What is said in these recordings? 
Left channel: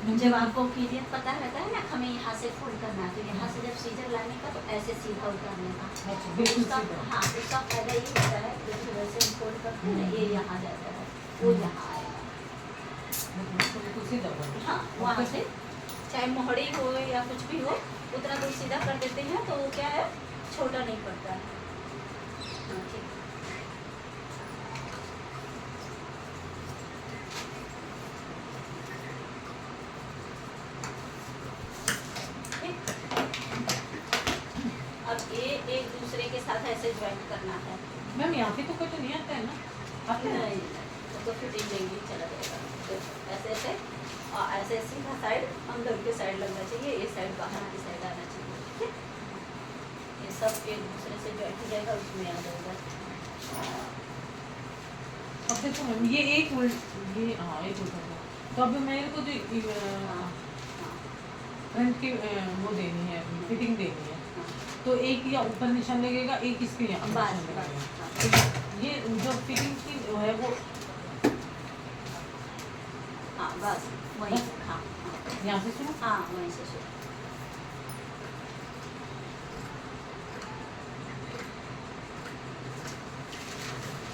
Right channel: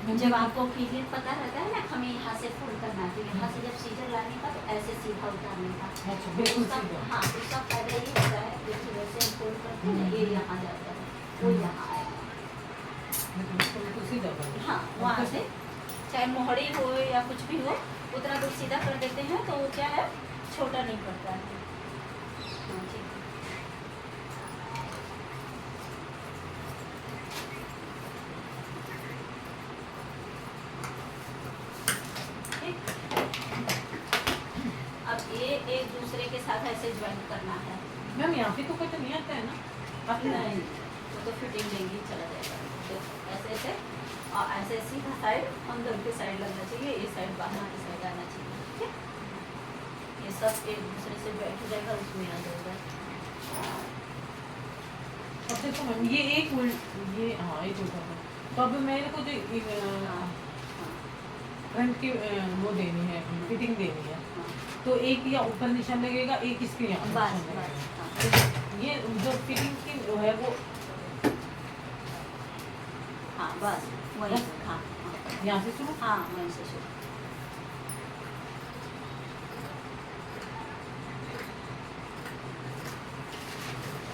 जब आपको क्लियर पता रहता है ना हमें यहाँ से फोल्ड करना है, तो यहाँ से जब सीजर लाने का तो ऐसे सीधा उतारने का। अच्छा, बिल्कुल उसका सीधा। हाँ उसका फायदा ये होता है जैसे वैसे हम फोल्ड करते हैं ना, ये यहाँ जाता है वो यहाँ आएगा। लेकिन इसको बिल्कुल सीधा कर दो। हाँ वहाँ से चाहे मोहड़ी हो या कुछ भी हो उतना दूर सीधा कर देते हैं तो वो क्या है छोटा नहीं पड़ता है। हाँ, ठीक है। अब ये एक दूसरे के साथ ऐसे ज्वाइन करना है। मैम यहाँ पे तो कुछ नहीं आता है ना, आते हैं? नहीं तो फिटिंग लेंगी चला जाएगा। तो ऐसे ऐसे और ऐसे सीधा साइड अंदर की साइड लगना चाहिए, ये साइड बाहर की साइड आना चाहिए। ठीक है, ये सब एक दूसरे से ज्वाइन हो जाएगा, उसमें आ जाएगा। अब देखो मैम ये एक ये हाँ एक उल्टा है। तो अब मेरे को जो फ्रंट की वो देनी है, फिटिंग देनी है, तो एक या ऊपर निशान लगेगा, एक इसके यहाँ बस निशान बस लगेगा। तो ये जो फिटिंग की है वो हाँ बस वहीं से हाँ यहाँ से शुरू। हाँ वहीं से शुरू।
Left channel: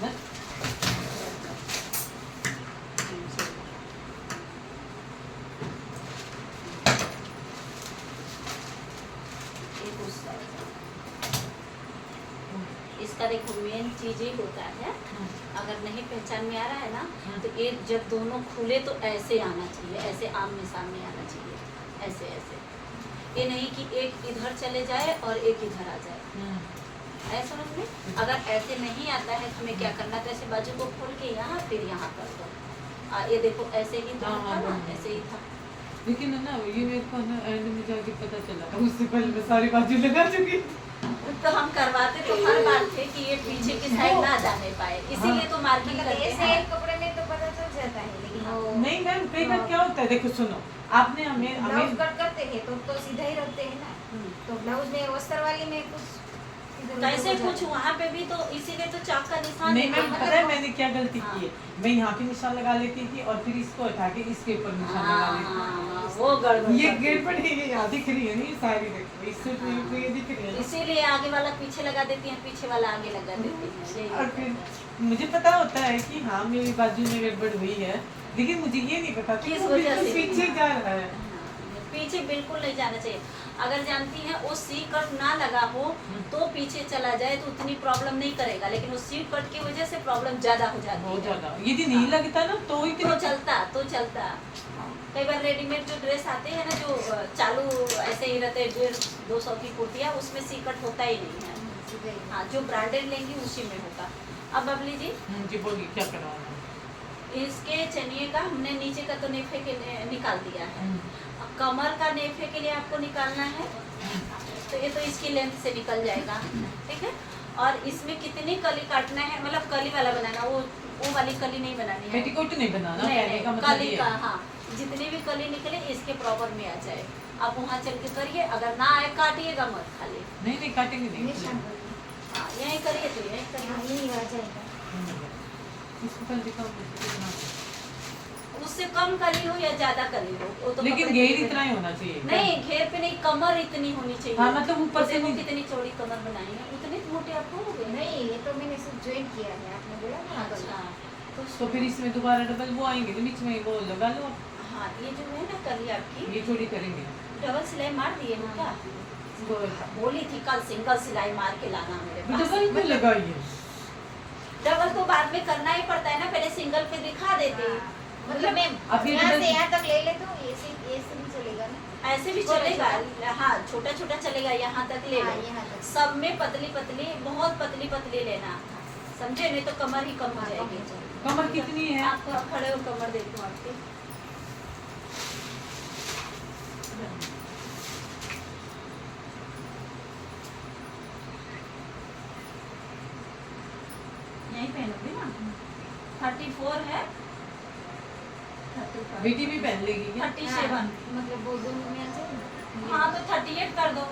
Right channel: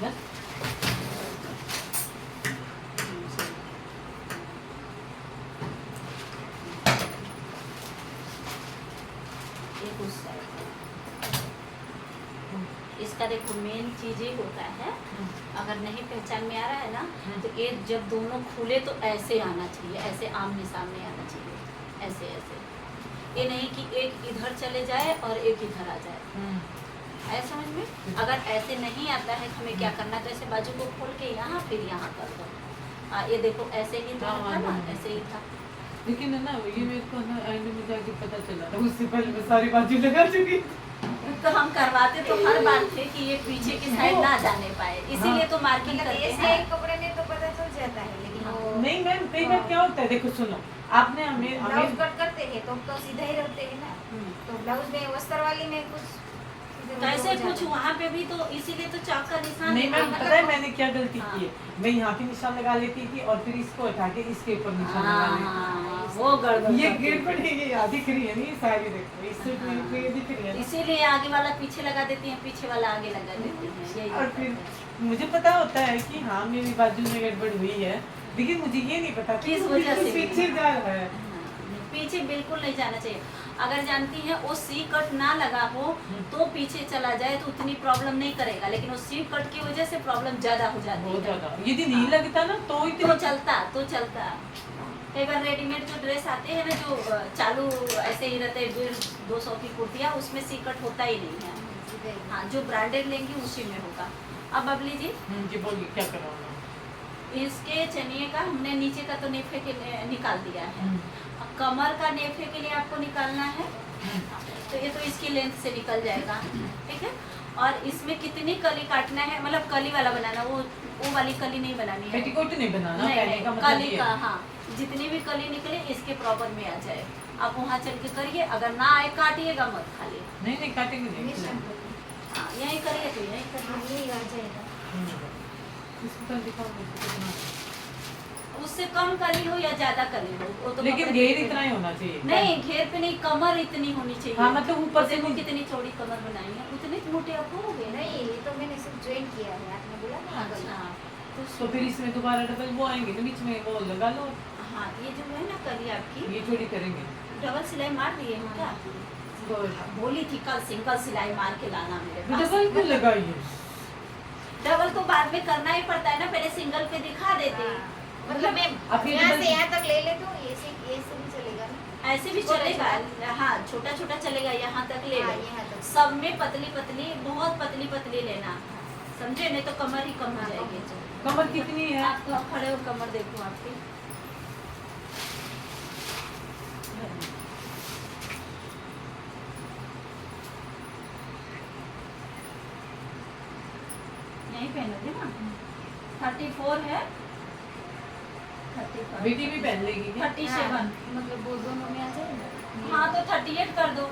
बस एक उस साइड इसका देखो मेन चीज ये होता है, अगर नहीं पहचान में आ रहा है ना तो ये जब दोनों खुले तो ऐसे आना चाहिए, ऐसे आमने सामने आना चाहिए, ऐसे ऐसे। ये नहीं कि एक इधर चले जाए और एक इधर आ जाए, ऐसा समझ में। अगर ऐसे नहीं आता है तो हमें क्या करना, तो ऐसे बाजू को खोल के यहाँ फिर यहाँ कर दो। ये देखो ऐसे ही था ना, ऐसे ही था। लेकिन है ना ये मेरे को ना एंड में जाके पता चला था, उससे पहले मैं सारी बाजी लगा चुकी। तो हम करवाते तो हर बार थे कि ये पीछे की साइड ना जाने पाए, इसीलिए तो मार्किंग करते ऐसे हैं। एक कपड़े में तो पता चल जाता है, लेकिन वो नहीं मैम कई बार क्या होता है, देखो सुनो, आपने हमें ब्लाउज कट करते हैं तो सीधा ही रखते हैं ना, तो ब्लाउज में वस्त्र वाली में कुछ कैसे कुछ वहाँ पे भी तो इसीलिए तो चाक का निशान नहीं मैम देखा पता है मैंने क्या गलती हाँ। की है, मैं यहाँ पे निशान लगा लेती थी और फिर इसको हटा के इसके ऊपर निशान लगा लेती थी। वो गड़बड़ ये करते गेट थे। पर ये यहाँ दिख रही है नहीं, साइड देखो इससे तो ये दिख रही है ना। इसीलिए आगे वाला पीछे लगा देती हैं, पीछे वाला आगे लगा देती हैं, यही और होता फिर है। मुझे पता होता है कि हाँ मेरी बाजू में गड़बड़ हुई है, लेकिन मुझे ये नहीं पता कि किस वो वजह बिल्कुल से पीछे जा रहा है। पीछे बिल्कुल नहीं जाना चाहिए। अगर जानती हैं वो सी कट ना लगा हो तो पीछे चला जाए तो उतनी प्रॉब्लम नहीं करेगा, लेकिन वो सी कट की वजह से प्रॉब्लम ज्यादा हो जाती बहुत है। ज्यादा यदि नहीं लगता ना तो तो इतनी चलता कई बार रेडीमेड जो ड्रेस आते हैं ना जो चालू ऐसे ही रहते हैं 150-200 की कुर्तियाँ, उसमें सी कट होता ही नहीं है। हाँ जो ब्रांडेड लेंगी उसी में होगा। अब बबली जी जी बोलिए क्या करवाना। इसके चनिए का हमने नीचे का तो नेफे के निकाल दिया है, कमर का नेफे के लिए आपको निकालना है, तो ये तो इसकी लेंथ से निकल जाएगा। ठीक है, और इसमें कितनी कली काटना है, मतलब कली वाला बनाना, वो वाली कली नहीं बनानी है, पेटीकोट नहीं बनाना, नहीं, पहले का मतलब कली ये का है। हाँ जितनी भी कली निकले इसके प्रॉपर में आ जाए। आप वहाँ चल के करिए, अगर ना आए काटिएगा मत खाली। नहीं काटेंगे नहीं। निशान हाँ यही करिए तो यही करिए। यही आ जाएगा। इसको कल दिखाओ इसको कितना। उससे कम कली हो या ज्यादा कली हो वो तो लेकिन कपड़े घेर पे इतना ही होना चाहिए। नहीं, घेर पे नहीं, कमर इतनी होनी चाहिए। हाँ, मतलब ऊपर से देखो नहीं- कितनी चौड़ी कमर बनाई है, उतने मोटे आप हो गए। नहीं ये तो मैंने सिर्फ ज्वाइन किया है, आपने बोला ना कल। अच्छा तो फिर इसमें दोबारा डबल वो आएंगे तो बीच में वो लगा लो, हाँ ये जो है ना कली आपकी ये थोड़ी करेंगे। डबल सिलाई मार दिए हो क्या? बोली थी कल सिंगल सिलाई मार के लाना मेरे पास। डबल क्यों लगाई है? डबल तो बाद में करना ही पड़ता है ना, पहले सिंगल पे दिखा देते। मतलब मैं अभी यहाँ डबल- से यहाँ तक ले ले तो ऐसे भी चलेगा ना। ऐसे भी छोटा चलेगा, हाँ छोटा छोटा चलेगा, यहाँ तक ले हाँ, लो। यहाँ तक। सब में पतली पतली, बहुत पतली पतली लेना, समझे, नहीं तो कमर ही कम हो जाएगी। कमर कितनी है? आप खड़े हो, कमर देखो आपकी। नहीं पहनोगे ना, 34 है, 35, बेटी भी पहन लेगी क्या? 37। मतलब वो दोनों में आ जाएगा। हाँ तो 38 कर दो,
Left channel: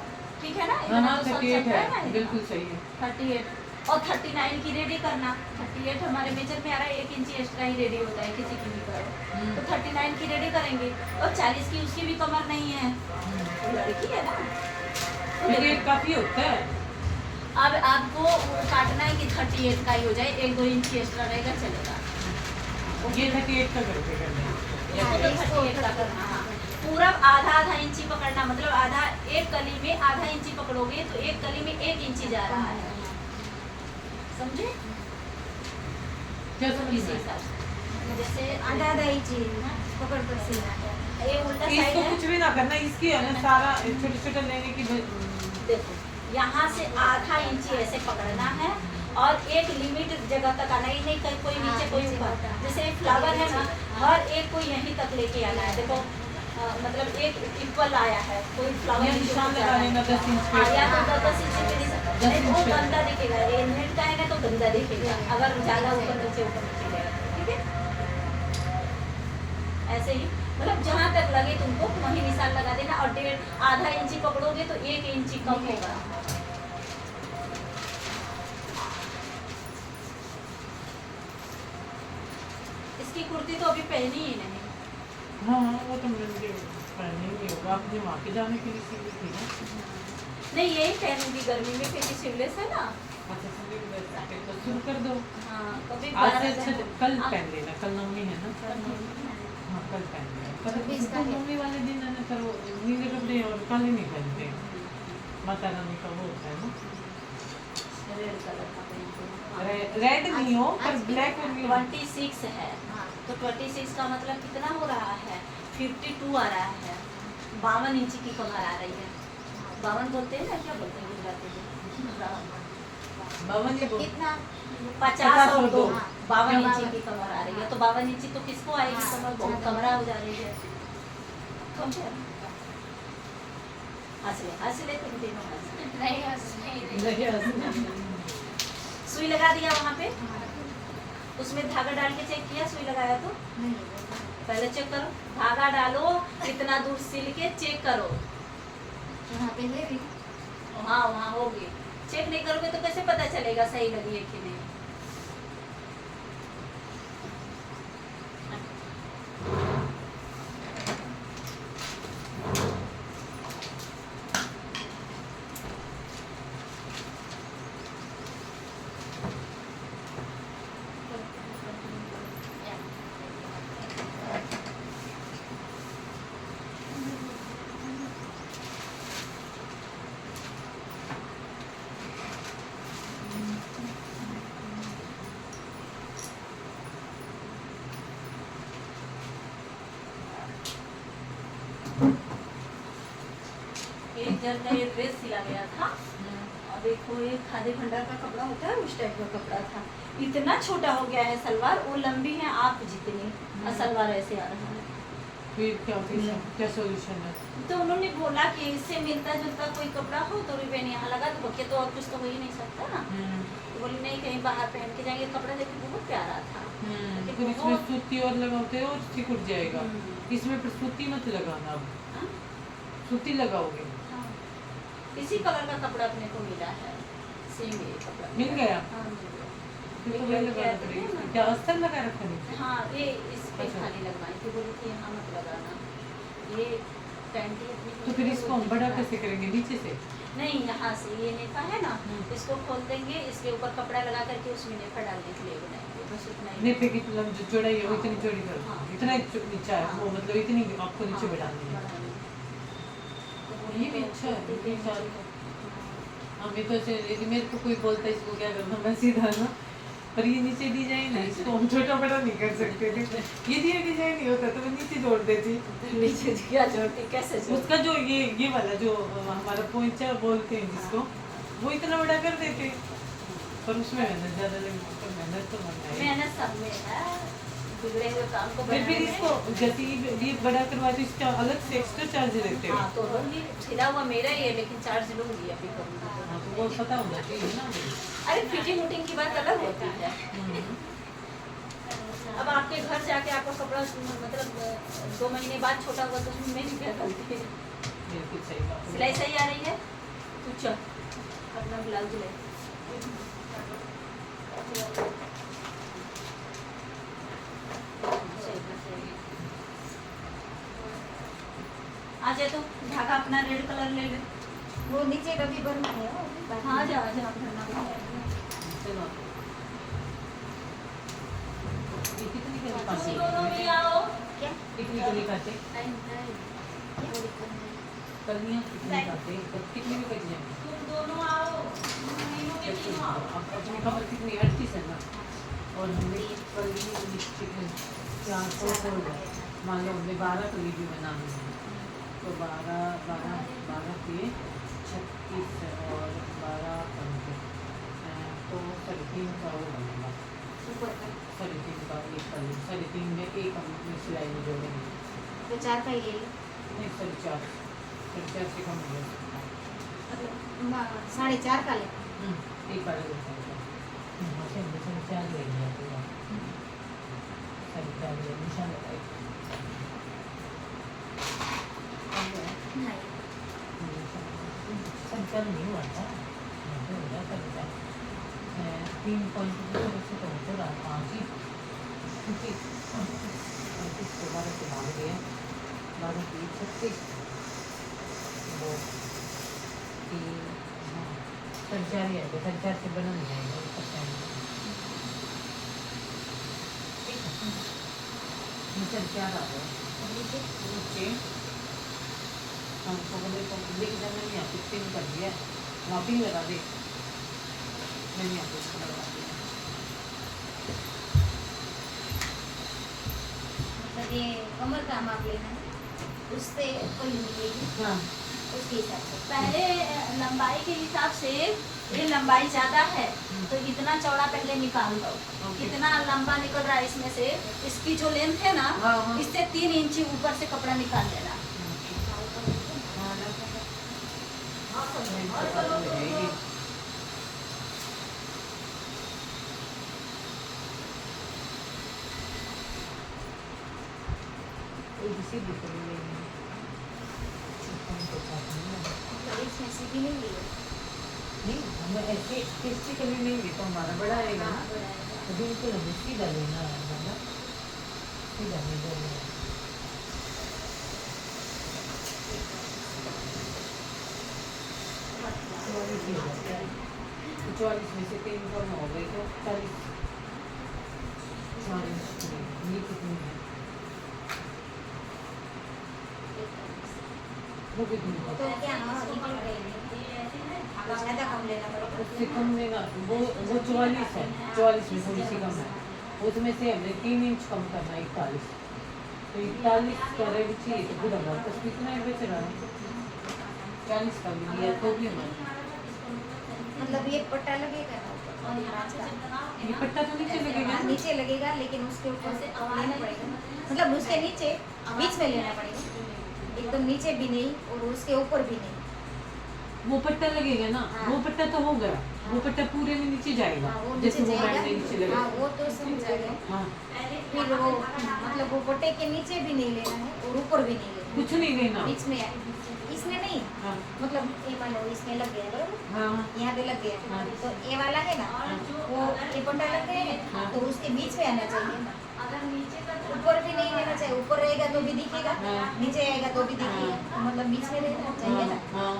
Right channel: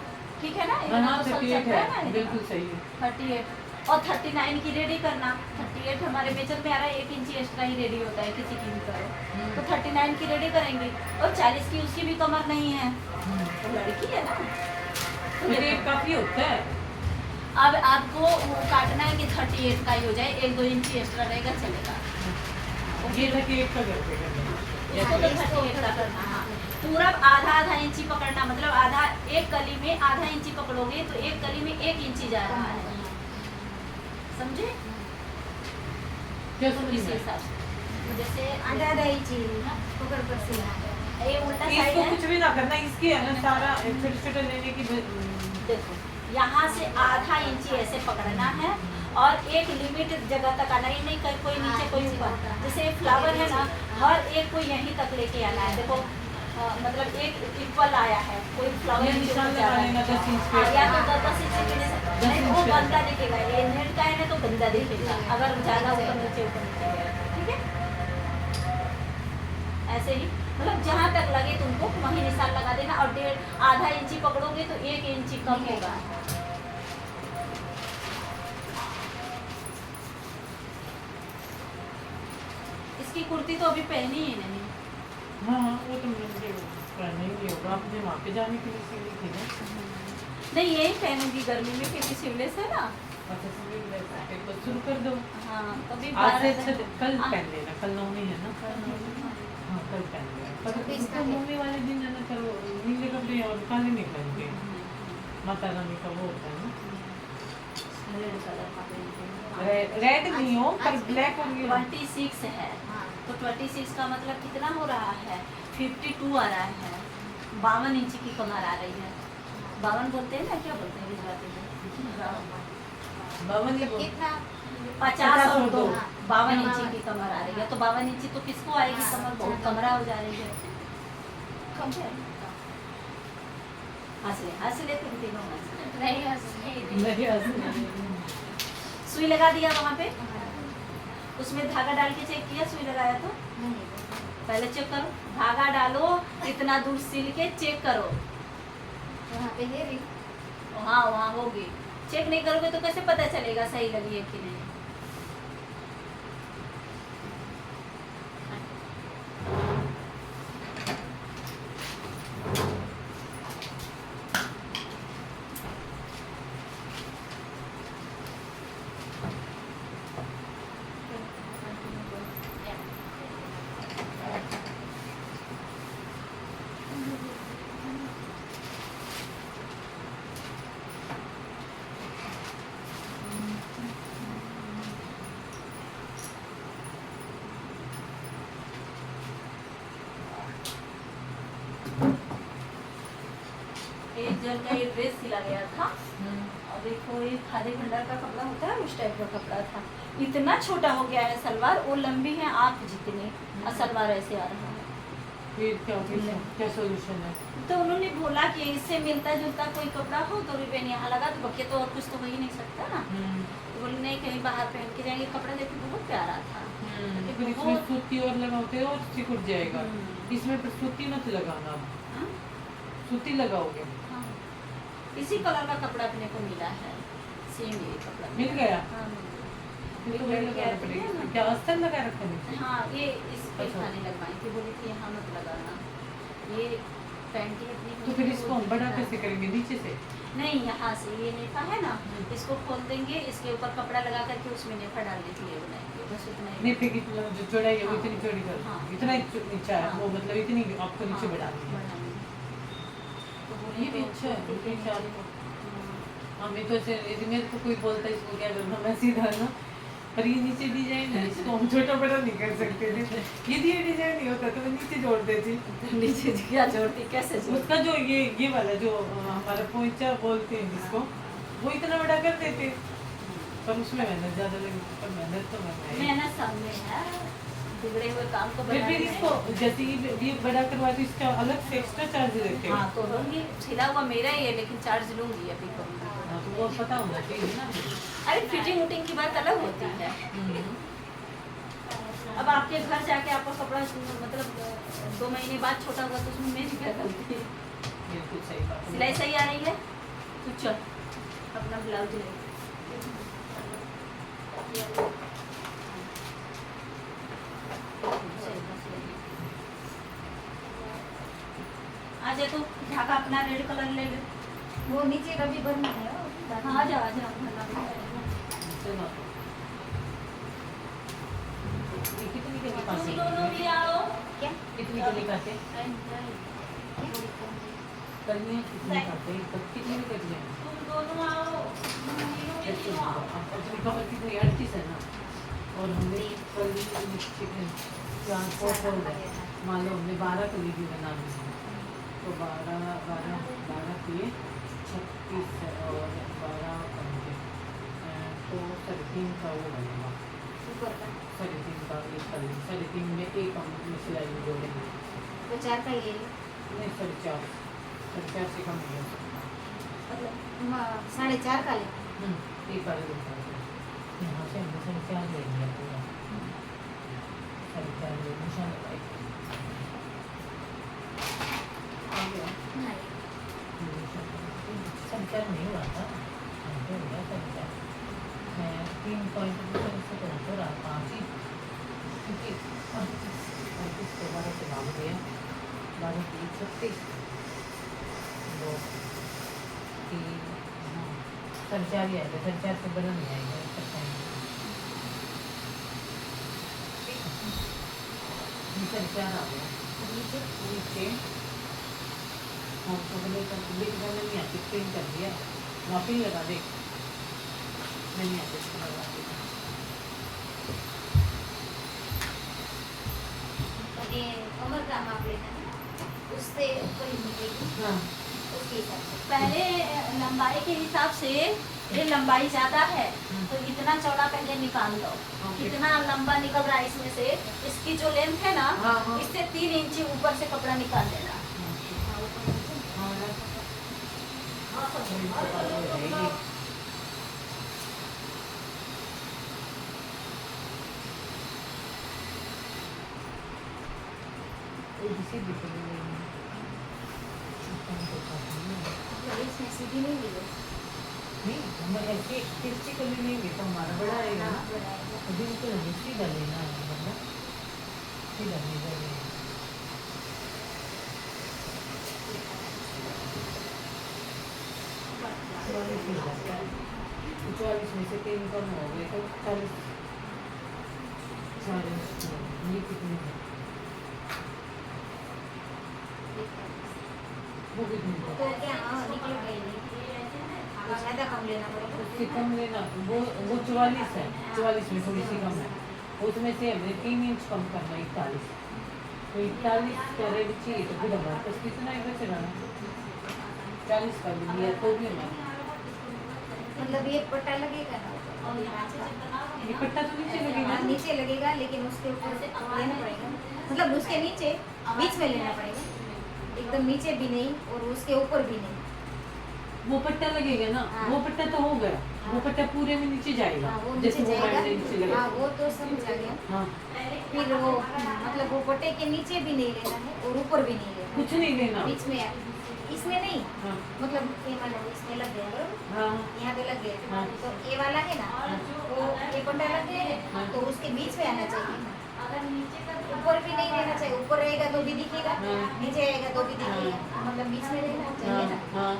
ठीक है ना? हाँ इतना तो सब 38 चलता है, ना, बिल्कुल सही है। 38 और 39 की रेडी करना। 38 हमारे मेजर में आ रहा है, 1 इंच एक्स्ट्रा ही रेडी होता है किसी की भी करो, तो 39 पहन के रेडी करेंगी, और 40 की उसकी भी कमर नहीं है, तो लड़की है ना। तो ये देखो, काफी होता है। अब आपको वो काटना है कि 38 का ही हो जाए, 1-2 इंच एक्स्ट्रा रहेगा चलेगा। ये 38 का करके करना है। इसको तो 38 का करना है। पूरा आधा इंची पकड़ना, मतलब आधा, एक कली में आधा इंची पकड़ोगे तो एक कली में 1 इंची जा रहा है, समझे? क्या समझ इसी में? हिसाब से जैसे आधा इंची पकड़ कर सिलना है। ये उल्टा साइड इसको है, कुछ भी ना करना, इसकी है ना सारा छोटे छोटे लेने की देखो यहाँ से आधा इंची ऐसे पकड़ना है, और एक लिमिट जगह तक आना ही नहीं, कहीं कोई नीचे कोई ऊपर। जैसे फ्लावर है ना, हर एक को यहीं तक लेके आना है। देखो मतलब एक इक्वल आया है, कोई फ्लावर ये नीचे निशान ऊपर जा रहा लगा लेना है। 10 इंच हाँ, पे। या तो 10 इंच के लिए 10 नहीं, वो इंच पे। गंदा दिखेगा। ये नेट का है ना, तो गंदा दिखेगा अगर ज़्यादा ऊपर नीचे गया, ठीक है? ऐसे ही मतलब जहाँ तक लगे तुमको वहीं निशान लगा देना, और आधा इंची पकड़ोगे तो 1 इंची कम होगा। इसकी कुर्ती तो अभी पहनी ही नहीं। हाँ हाँ, वो तो मुझे पहनने ही होगा, आप मुझे वहाँ पे जाने के लिए सिली थी ना। नहीं, यही पहनूंगी गर्मी में, क्योंकि सिवलेस है ना। अच्छा सिली तो शुरू कर दो। हाँ, कभी आज से 12 अच्छा कल हाँ। पहन लेना, कल नवमी है ना। हाँ कल पहन लेना, पर 26 उसको नवमी वाले दिन मैंने करो नीले कपड़े और काले नहीं पहनते। माता रानी का वो होता है ना, रेड कलर का पहनती हूँ। रेड नहीं हो पर ब्लैक और नहीं हो। 26 है, हाँ। तो 26 का मतलब कितना हो रहा है? 52 आ रहा है। 52 इंच की कमर आ रही है। 52 बोलते हैं ना, क्या बोलते हैं गुजराती में? बावन ये बोल कितना 50 और 2, हाँ। 52 इंची हाँ। की कमर आ रही है। तो 52 इंची तो किसको आएगी हाँ। कमर? बहुत कमरा हो जा रही है। समझे? हंस ले तुम तीनों हंस ले। नहीं नहीं सुई लगा दिया वहाँ पे, उसमें धागा डाल के चेक किया, सुई लगाया तो पहले चेक करो, धागा डालो, इतना दूर सिल के चेक करो। यहाँ पे है भी। हाँ, वहाँ होगी। चेक नहीं करोगे तो कैसे पता चलेगा सही लगी है कि नहीं? जब ये ड्रेस सिला गया था, और देखो ये खादी भंडार का कपड़ा होता है, उस टाइप का कपड़ा था। इतना छोटा हो गया है सलवार, वो लंबी है आप जितनी, और सलवार ऐसे आ रही है। क्या सॉल्यूशन है? तो उन्होंने बोला कि इससे मिलता जुलता कोई कपड़ा हो तो रिबन यहाँ लगा दो, बकिया तो और कुछ तो हो ही नहीं सकता ना। तो बोली नहीं, कहीं बाहर पहन के जाएंगे। कपड़ा देखो बहुत प्यारा था। फिर इसमें सूती और लगाते हो और सिकुड़ जाएगा। इसमें तो सूती मत लगाना, हाँ? सूती लगाओगे। हाँ। इसी कलर का कपड़ा अपने को मिला है, सेम ये कपड़ा मिल गया? हाँ, फिर तो एक वही लड़की लगा आती है रखा ना। क्या अस्तर लगा रखा है? हाँ, ये इस पे अच्छा। खाने लगवाई थी, बोली थी यहाँ मत लगाना। ये पैंटी अपनी तो फिर इसको हम बड़ा कैसे करेंगे? नीचे से? नहीं, यहाँ से ये नेफा है ना, इसको खोल देंगे, इसके ऊपर कपड़ा लगा करके उसमें नेफा डाल देती है बनाएंगे, बस उतना ही। नेफे की जो चौड़ाई है वो इतनी चौड़ी कर, हाँ। इतना ही नीचा है वो, मतलब इतनी आपको नीचे बढ़ानी है। तो बोली ये भी अच्छा है, तो ये साल हमें तो ऐसे यदि मेरे को कोई बोलता है इसको क्या करना, मैं सीधा ना, पर ये नीचे डिजाइन है, इसको हम छोटा बड़ा नहीं कर सकते थे। यदि ये डिजाइन नहीं होता तो मैं नीचे जोड़ देती। नीचे क्या जोड़ती, कैसे जोड़ती? उसका जो ये वाला जो हमारा पोंचा बोलते हैं जिसको, वो इतना बड़ा कर देते, पर उसमें मेहनत ज़्यादा लगती, पर मेहनत तो लगना है। मेहनत सामने है, बिगड़े हुए काम को फिर बनाने इसको में। जैसे ये बड़ा करवा तो इसका अलग से एक्स्ट्रा चार्ज रहते हैं। हाँ, तो लूँगी, छिला हुआ मेरा ही है, लेकिन चार्ज लूँगी अभी करूँगी। हाँ, तो वो पता होना चाहिए ना। अरे फिटिंग वुटिंग की बात अलग होती है। अब आपके घर जाके आपका कपड़ा मतलब 2 महीने बाद छोटा हुआ तो उसमें मेरी क्या गलती है? ये कुछ सही बात है। सिलाई सही आ रही है तो चल अपना ब्लाउज ले। आज ये तो ढाका अपना रेड कलर ले ले। वो नीचे डब्बी भरना है हाँ आ जा भरना पड़ेगा। चलो ये कितनी के तुम पास दोनों भी आओ। क्या कितनी के लिए काटे करनी है कितनी काटे कितनी में कट जाएंगे तुम दोनों आओ। तीनों में भी आओ। अब अपनी खबर कितनी 38 है ना और हमने कल चिकन 400 हो गए मान लो हमने 12 तो लीजिए बना दी तो 12 के 36 और 12 पंजे तो 3.5 का वो बनेगा ऊपर का 3.5 का एक कर ली 3.5 में एक हम सिलाई में जोड़ेंगे तो 4 का ही ले लो नहीं 4.5 से कम हो गया मतलब 4.5 का ले एक बार यहाँ से हमने 4.5 लेंगे पूरा 4.5 ले निशान लगाए आ गया संचार नहीं हुआ था तो हो रहा संचार मैं 3 पॉइंट से तो रहा 5 ही क्योंकि 35 के 12 से भाग गया 12 की 36 वो संचार ही आएगा संचार से बना नहीं आएगा पता ही नहीं संचार आ गया नीचे हमको बोले लिख देना नहीं आती पिन कर दिया मापी लगा दे नहीं आती इसको लगा दी मतलब ये कमर का माप लेना है उससे ऊपर ही मिलेगी हाँ उसके हिसाब से पहले लंबाई के हिसाब से ये लंबाई ज्यादा है तो इतना चौड़ा पहले निकाल दो। कितना लंबा निकल रहा है इसमें से इसकी जो लेंथ है ना हाँ, हाँ। इससे 3 इंच ऊपर से कपड़ा निकाल देना। मतलब इसमें सीधी नहीं ली है नहीं हम ऐसे टेस्टी कभी नहीं ले तो हमारा बड़ा आएगा हाँ, बड़ा है। तो बिल्कुल हमें सीधा लेना है मतलब सीधा नहीं लेना तो 44 में से 3 कम हो गए तो 40 ये कितनी है वो कितनी है तो क्या निकल गई नहीं ज़्यादा कम लेना पड़ेगा उससे कम लेना वो 44 है 44 में थोड़ी सी कम है उसमें से हमने 3 इंच कम करना 41 तो 41 का रेट चाहिए तो फिर हमारे पास कितना है वैसे गाना 40 का भी लिया तो भी हमारा मतलब ये पट्टा लगेगा ना ऊपर, कांच का ये पट्टा तो नीचे लगेगा हाँ, नीचे लगेगा लेकिन उसके ऊपर से लेना पड़ेगा मतलब उसके नीचे बीच में लेना पड़ेगा एकदम नीचे भी नहीं और उसके ऊपर भी नहीं वो पट्टा लगेगा ना हाँ। वो पट्टा तो हो गया वो पट्टा पूरे में नीचे जाएगा हाँ, वो जैसे नीचे वो जाएगा बैंड नीचे लगेगा हाँ वो तो समझ आ गया हाँ फिर वो मतलब वो पट्टे के नीचे भी नहीं लेना है और ऊपर भी नहीं लेना कुछ नहीं लेना है बीच में इसमें नहीं हाँ मतलब ये मान लो इसमें लग गया बरोबर हाँ यहाँ पे लग गया हाँ। तो ये वाला है ना वो ये पट्टा लग गया है हाँ। तो उसके बीच में आना चाहिए ना अगर नीचे का ऊपर भी नहीं रहना चाहिए ऊपर रहेगा तो भी दिखेगा हाँ। नीचे आएगा तो भी दिखेगा मतलब बीच में रहना चाहिए ना हाँ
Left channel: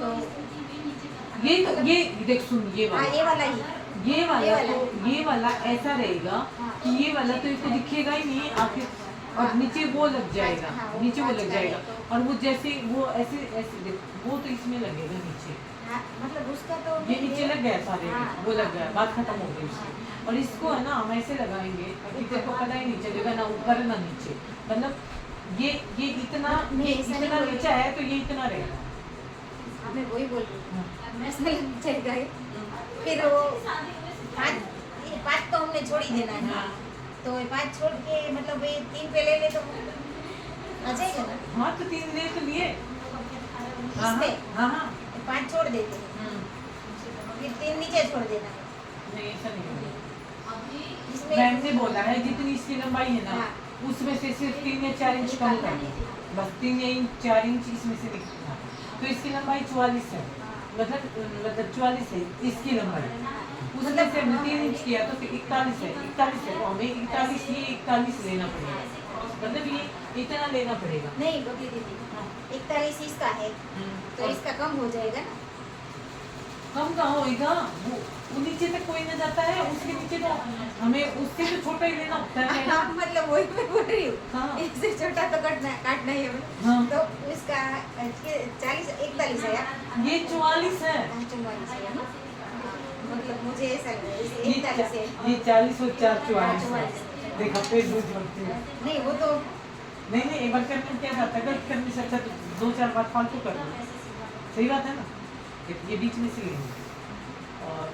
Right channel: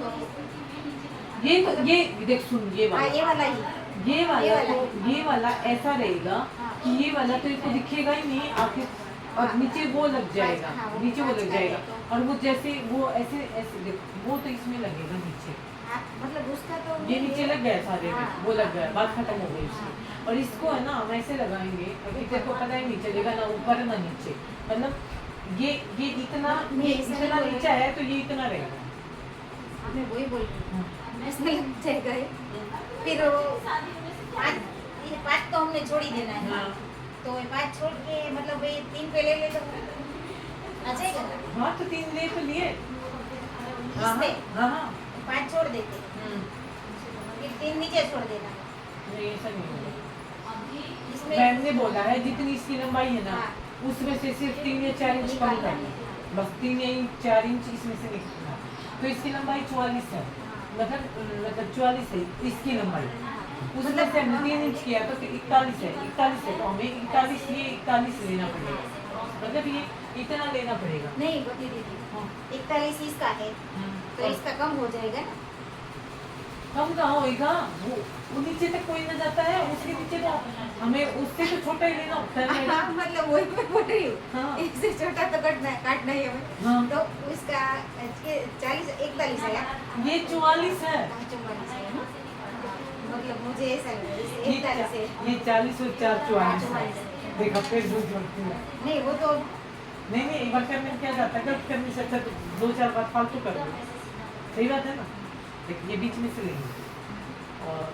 तो ये देख सुन ये हाँ वाला ये वाला ही ये वाला ये वाला। तो ये वाला ऐसा रहेगा हाँ। कि ये वाला तो इसको दिखेगा ही नहीं आखिर और हाँ। नीचे वो लग जाएगा हाँ, वो नीचे वो कांच लग का जाएगा है तो। और वो जैसे वो ऐसे ऐसे देख वो तो इसमें लगेगा नीचे हाँ, मतलब उसका तो ये नहीं नीचे है। लग गया सारे में, हाँ, वो लग हाँ, गया बात खत्म हो गई हाँ। इसकी और इसको है ना हम ऐसे लगाएंगे और टीचर को पता ही नहीं चलेगा ना ऊपर ना नीचे मतलब ये इतना नहीं, ये ऐसा नहीं इतना बोल नीचा रही। है तो ये इतना रहेगा हाँ, मैं वही बोल रही हूँ हाँ। इसमें लग जाएगा ये फिर वो पाँच तो हमने छोड़ ही देना है हाँ। तो ये 5 छोड़ के मतलब ये 3 पे ले ले तो आ जाएगा ना हाँ तो 3 ले तो लिए हाँ इसमें हाँ हाँ 5 छोड़ देते हैं फिर 3 नीचे छोड़ देना नहीं ऐसा नहीं होगा इसमें मैम ने बोला है जितनी इसकी लंबाई है ना हाँ। उसमें से सिर्फ 3 या 4 इंच कम निकालना करना है। बस 3 या 4 इंच इसमें से निकालना तो इसकी लंबाई 44 है मतलब 44 है इसकी लंबाई उसमें से हमने 3 इंच किया तो फिर 41 है तो हमें 41 ये 41 लेना पड़ेगा मतलब ये इतना लेना पड़ेगा। नहीं बबली दीदी, हाँ। 41 इसका है तो और इसका कम हो जाएगा ना। कम कहाँ होगा, वो नीचे तक कोई ना जाता है, उसके नीचे तो हमें उससे तो छोटा ही लेना होता है। हाँ, मतलब वही मैं बोल रही हूँ, हाँ। इससे छोटा तो काटना ही हमें। हाँ। तो इसका 40 41 है यार। ये 44 है। 44 है ना। हाँ, मतलब मुझे ऐसा लग रहा है ये 41 है। ये 40 और 4 44 है। 44 है। देखा पेट दूध लगती है। नहीं वो तो नहीं नहीं, एक बार करने में क्या जाता है, गलत करने से अच्छा तो 2-4 बार फालतू कर दो, सही बात है ना। देखिए ये बीच में से लेंगे और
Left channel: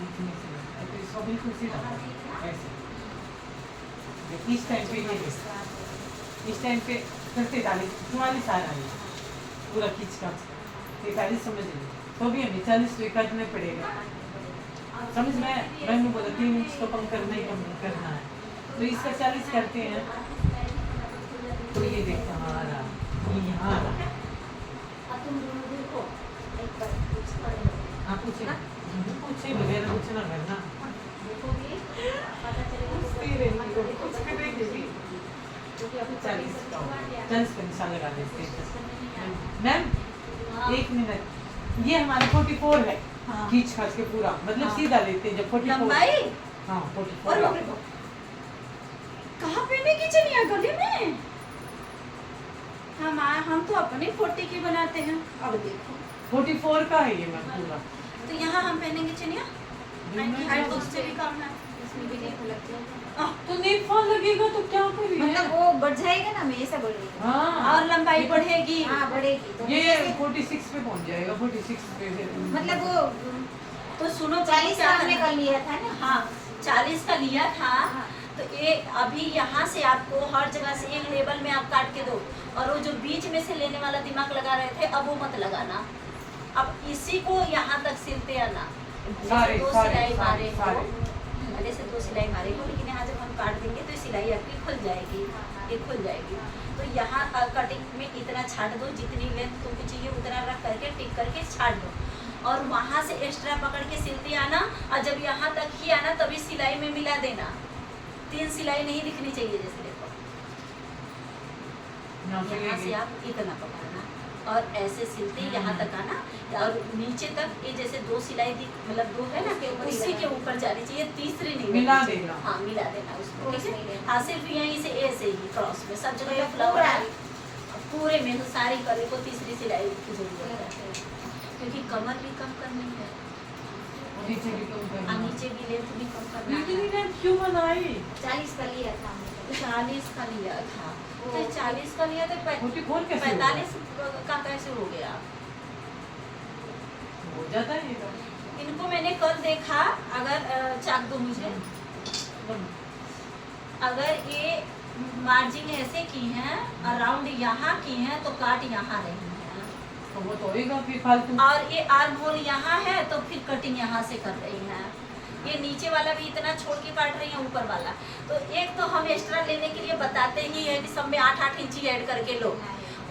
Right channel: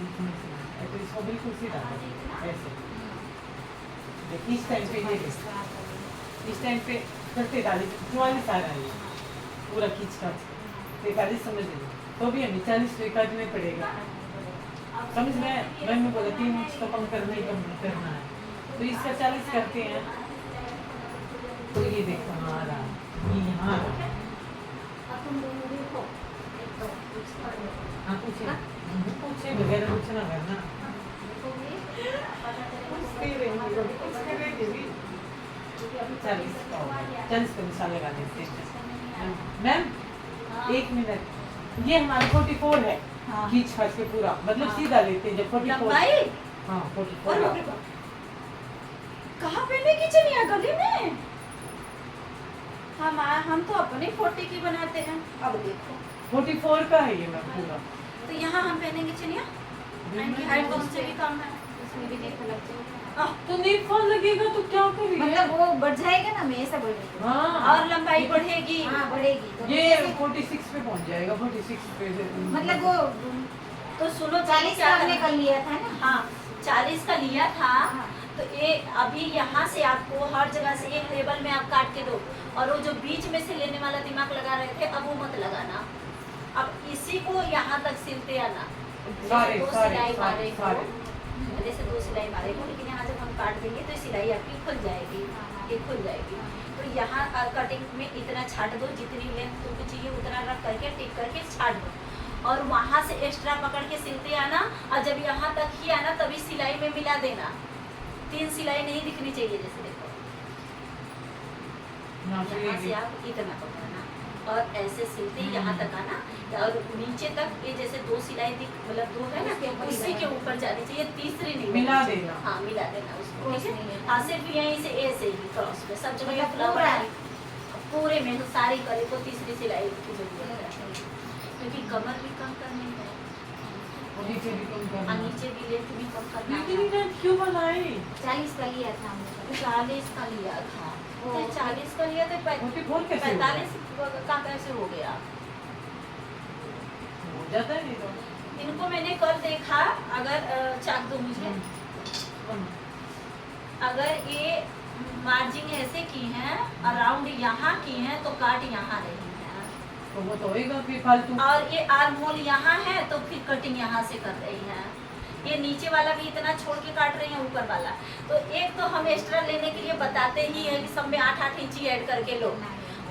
बीच में से लेंगे, तो इसको बिल्कुल सीधा कर ऐसे। इस टाइम पे ये इस टाइम पे फिर 43 44 आ रहा है पूरा खींच का 43 समझ लीजिए, तो भी हमें 40 तो काटना पड़ेगा, समझ में। मैंने बोला 3 इंच तो कम करना ही कम करना है, तो इसका 40 करते हैं। तो ये देखो हाँ आ रहा, ये यहाँ आ रहा। अब तुम दोनों देखो, एक बार हाँ पूछे वगैरह कुछ ना करना, देखोगे पता चलेगा। पूछते ही रहेंगे, कभी कुछ करेंगे भी। क्योंकि अभी 40 का निशान लगा देते हैं। मैम 1 मिनट, ये हमारा 44 है। हाँ। खींच खाच के पूरा मतलब हाँ। सीधा लेते हैं जब 44। लंबाई हाँ और 44। बाप रे बाप, कहाँ पे मैं किचन यहाँ गली में। हम तो अपने 40 की बनाते हैं। अब देखो 44 का है ये मैम पूरा। तो यहाँ हम पहनेंगे चनिया, हाइट तो उससे भी कम है। इसमें भी देखो लगते हैं। तो नीट फॉल लगेगा तो क्या करेंगे? मतलब वो बढ़ जाएगा ना, मैं ऐसा बोल रही हूँ। हाँ और लंबाई बढ़ेगी। हाँ बढ़ेगी तो ये जैसे- 46 पे पहुंच जाएगा, 46 पे से मतलब वो तो सुनो 40 का हमने कर लिया था ना। हाँ 40 का लिया था। हाँ। तो ये अभी यहाँ से आपको हर जगह से एक लेवल में आप काट के दो, और वो जो बीच में से लेने वाला दिमाग लगा रहे थे अब वो मत लगाना। अब इसी को यहाँ तक सिलते आना। सारे दो सारे सिलाई सारे मारे सारे को, जैसे 2 सिलाई मारे को, लेकिन यहाँ जब हम काट देंगे तो सिलाई आपकी खुल जाएगी, ये खुल जाएगी। तो यहाँ कटिंग में इतना छाट दो, जितनी लेंथ तुमको चाहिए उतना रख करके टिक करके छाट दो, और वहाँ से एक्स्ट्रा पकड़ के सिलते आना, और जब यहाँ तक ही आना तभी सिलाई में मिला देना। 3 सिलाई नहीं दिखनी चाहिए, जैसे देखो यहाँ से यहाँ से ये- आप इतना पकड़ना और ऐसे सिलते यहाँ तक आना, और नीचे तक ये जैसे 2 सिलाई दिख मतलब 2 है ना, उसके ऊपर ही उसी के लगाना। ऊपर जानी चाहिए, तीसरी नहीं मिला लगनी चाहिए। देना। हाँ मिला देना उसको, क्रॉस ठीक नहीं है। लेना। हाँ सिर्फ यहीं से ऐसे ही क्रॉस में सब जगह मतलब फ्लावर पूरा? है, पूरे में तो सारी कली को तीसरी सिलाई की जरूरत है, क्योंकि कमर भी कम करनी है नीचे भी कम और करना। नीचे भी लेंथ भी कम करना इतनी है। लेंथ क्यों बनाई? 40 का लिया था हमने। 40 का लिया था, तो वो- 40 का लिया था, 44 कैसे हो गया? 45 का कैसे हो गया? हो जाता है ये तो। इनको मैंने कल देखा, अगर चाक दो मुझे, अगर ये मार्जिन ऐसे की हैं, अराउंड यहाँ की हैं, तो काट यहाँ रही है, तो वो तो होएगा फिर फालतू। और ये आर्म होल यहाँ है तो फिर कटिंग यहाँ से कर रही हैं। ये नीचे वाला भी इतना छोड़ के काट रही है, ऊपर वाला तो एक तो हम एक्स्ट्रा लेने के लिए बताते ही है कि सब में 8-8 इंची ऐड करके लो,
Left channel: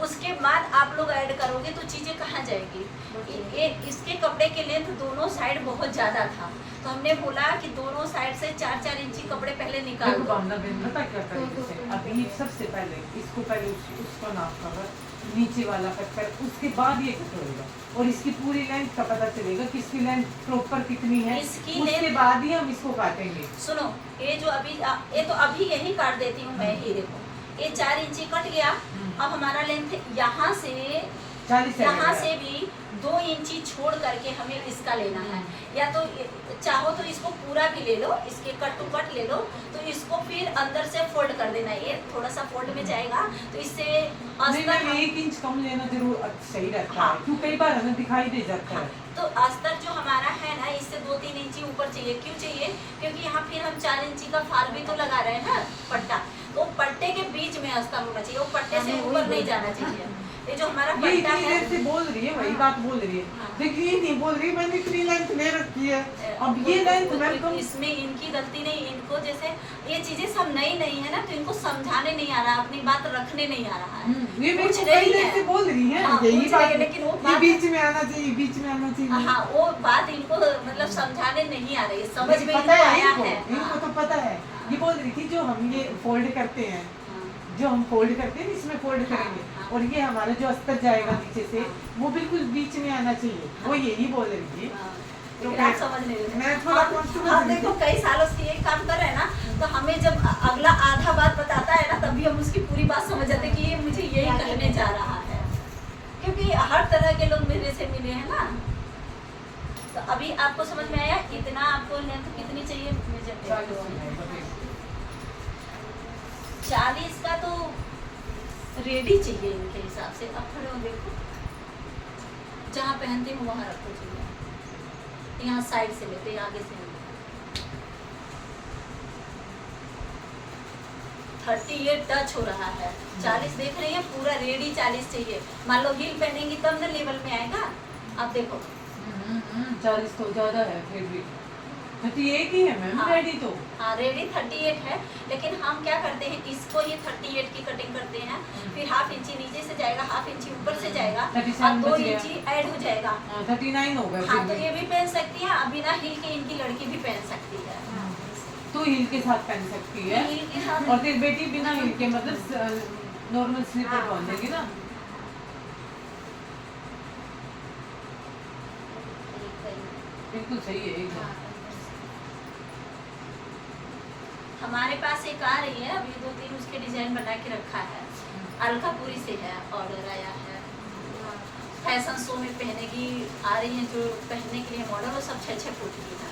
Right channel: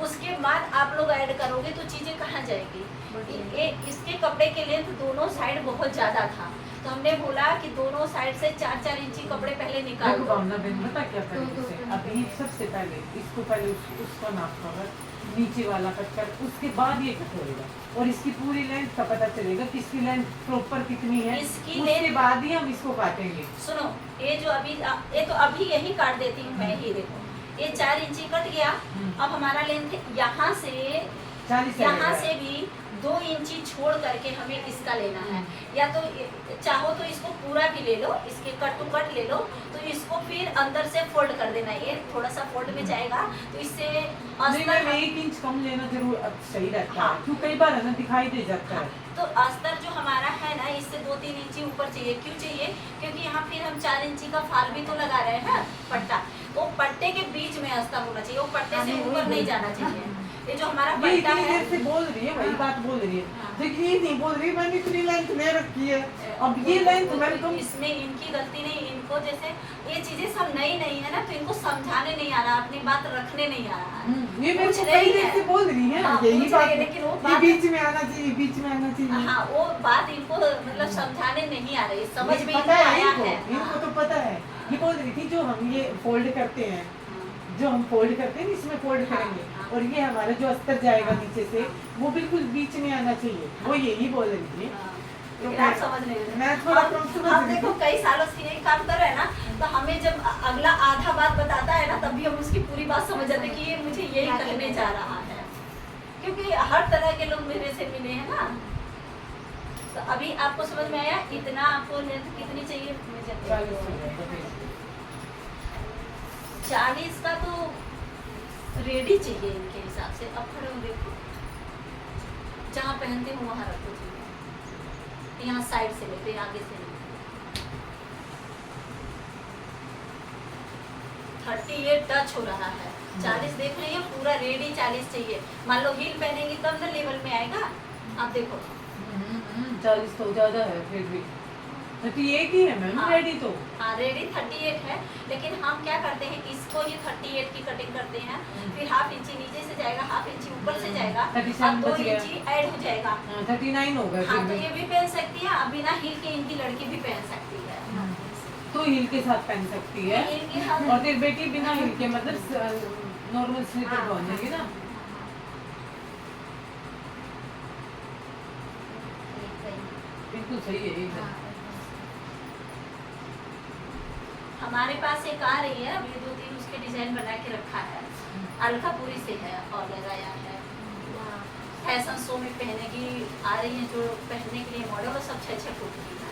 उसके बाद आप लोग ऐड करोगे तो चीज़ें कहाँ जाएगी। ये इसके कपड़े के लेंथ दोनों साइड बहुत ज़्यादा था, तो हमने बोला कि दोनों साइड से 4-4 इंची कपड़े पहले निकाल देखो दो। भावना बहन पता क्या करेंगे इसे? अभी सबसे पहले इसको पहले उसका नाप कर नीचे वाला कट कर, उसके बाद ये कट होएगा और इसकी पूरी लेंथ का पता चलेगा कि इसकी लेंथ प्रॉपर कितनी है, इसकी उसके लेंथ- बाद ही हम इसको काटेंगे। सुनो, ये जो अभी ये तो अभी यही काट देती हूँ मैं, ही देखो ये 4 इंची कट गया। अब हमारा लेंथ यहाँ से 40 यहाँ से भी 2 इंची छोड़ करके हमें इसका लेना है, या तो चाहो तो इसको पूरा भी ले लो, इसके कट टू कट ले लो, तो इसको फिर अंदर से फोल्ड कर देना, ये थोड़ा सा फोल्ड में जाएगा तो इससे नहीं अस्तर नहीं 1 इंच कम लेना जरूर सही रहता हाँ। है, क्यों कई बार है ना दिखाई दे जाता हाँ, है। तो अस्तर जो हमारा है ना, इससे 2-3 इंची ऊपर चाहिए। क्यों चाहिए? क्योंकि यहाँ फिर हम 4 इंची का फाल भी तो लगा रहे हैं ना, पट्टा, तो पट्टे के बीच में अस्तर होना चाहिए, वो पट्टे से ऊपर नहीं जाना चाहिए। ये जो हमारा ये पट्टा इतनी है, देर से बोल रही है, वही हाँ। बात बोल रही है, हाँ। लेकिन ये नहीं बोल रही मैंने इतनी लेंथ ले रखी है। अब ये लेंथ वेलकम इसमें इनकी गलती नहीं, इनको जैसे ये चीजें सब नई नई है ना, तो इनको समझाने नहीं आ रहा, अपनी बात रखने नहीं आ रहा है। ये मेरे पूछ को रही कई देर है। से बोल रही है हाँ, यही पूछ बात रही है, है, लेकिन वो ये बात- बीच में आना चाहिए, बीच में आना चाहिए। हाँ, वो बात इनको मतलब समझाने नहीं आ रही है, समझ में पता इनको है आया इनको, है। इनको हाँ। तो पता है। ये बोल रही थी जो हम ये फोल्ड करते हैं, जो हम फोल्ड करते हैं इसमें फोल्ड हाँ, करेंगे हाँ। और ये हमारा जो अस्तर जाएगा हाँ, नीचे से हाँ। वो बिल्कुल बीच में आना चाहिए, वो यही बोल रही थी। हाँ, तो लेकिन आप समझ नहीं रहे। मैं थोड़ा हम- कम समझ हम रही देखो थी। कई सालों से ये काम कर रहे हैं ना, तो हमें जब अगला आधा बात बताता है ना, तभी हम उसकी पूरी बात समझ जाते हैं कि ये मुझे यही कहने जा रहा है, क्योंकि हर तरह के लोग मेरे से मिले हैं ना। तो अभी आपको समझ में आया इतना आपको लेंथ कितनी चाहिए मुझे? 40 का तो रेडी चाहिए इनके हिसाब से। अब खड़े हो देखो, जहाँ पहनते हो वहाँ रखो चाहिए, यहाँ साइड से लेते आगे से नहीं। 38 टच हो रहा है, 40 देख रही है, पूरा रेडी 40 चाहिए। मान लो हील पहनेंगी तब ना लेवल में आएगा। अब देखो 40 तो ज्यादा है, फिर भी 38 ही है मैम हाँ। रेडी तो। हाँ रेडी 38 है, लेकिन हम क्या करते हैं इसको ही 38 की कटिंग करते हैं, फिर हाफ इंची नीचे से जाएगा, हाफ इंची ऊपर से जाएगा, 37 और 2 बच गया। इंची ऐड हो जाएगा। 39 हो गया हाँ फिर तो भी। ये भी पहन सकती है, अब बिना हील के इनकी लड़की भी पहन सकती है। तो हील के साथ पहन सकती है, हील के साथ और फिर बेटी बिना हील के मतलब नॉर्मल स्लीपर हाँ, पहन लेगी ना। बिल्कुल सही है एकदम। हमारे पास एक आ रही है, अभी 2-3 उसके डिजाइन बना के रखा है, अलकापुरी से है, ऑर्डर आया है। फैशन शो में पहनेगी, आ रही है जो पहनने के लिए मॉडल, वो सब 6-6 फुट की है।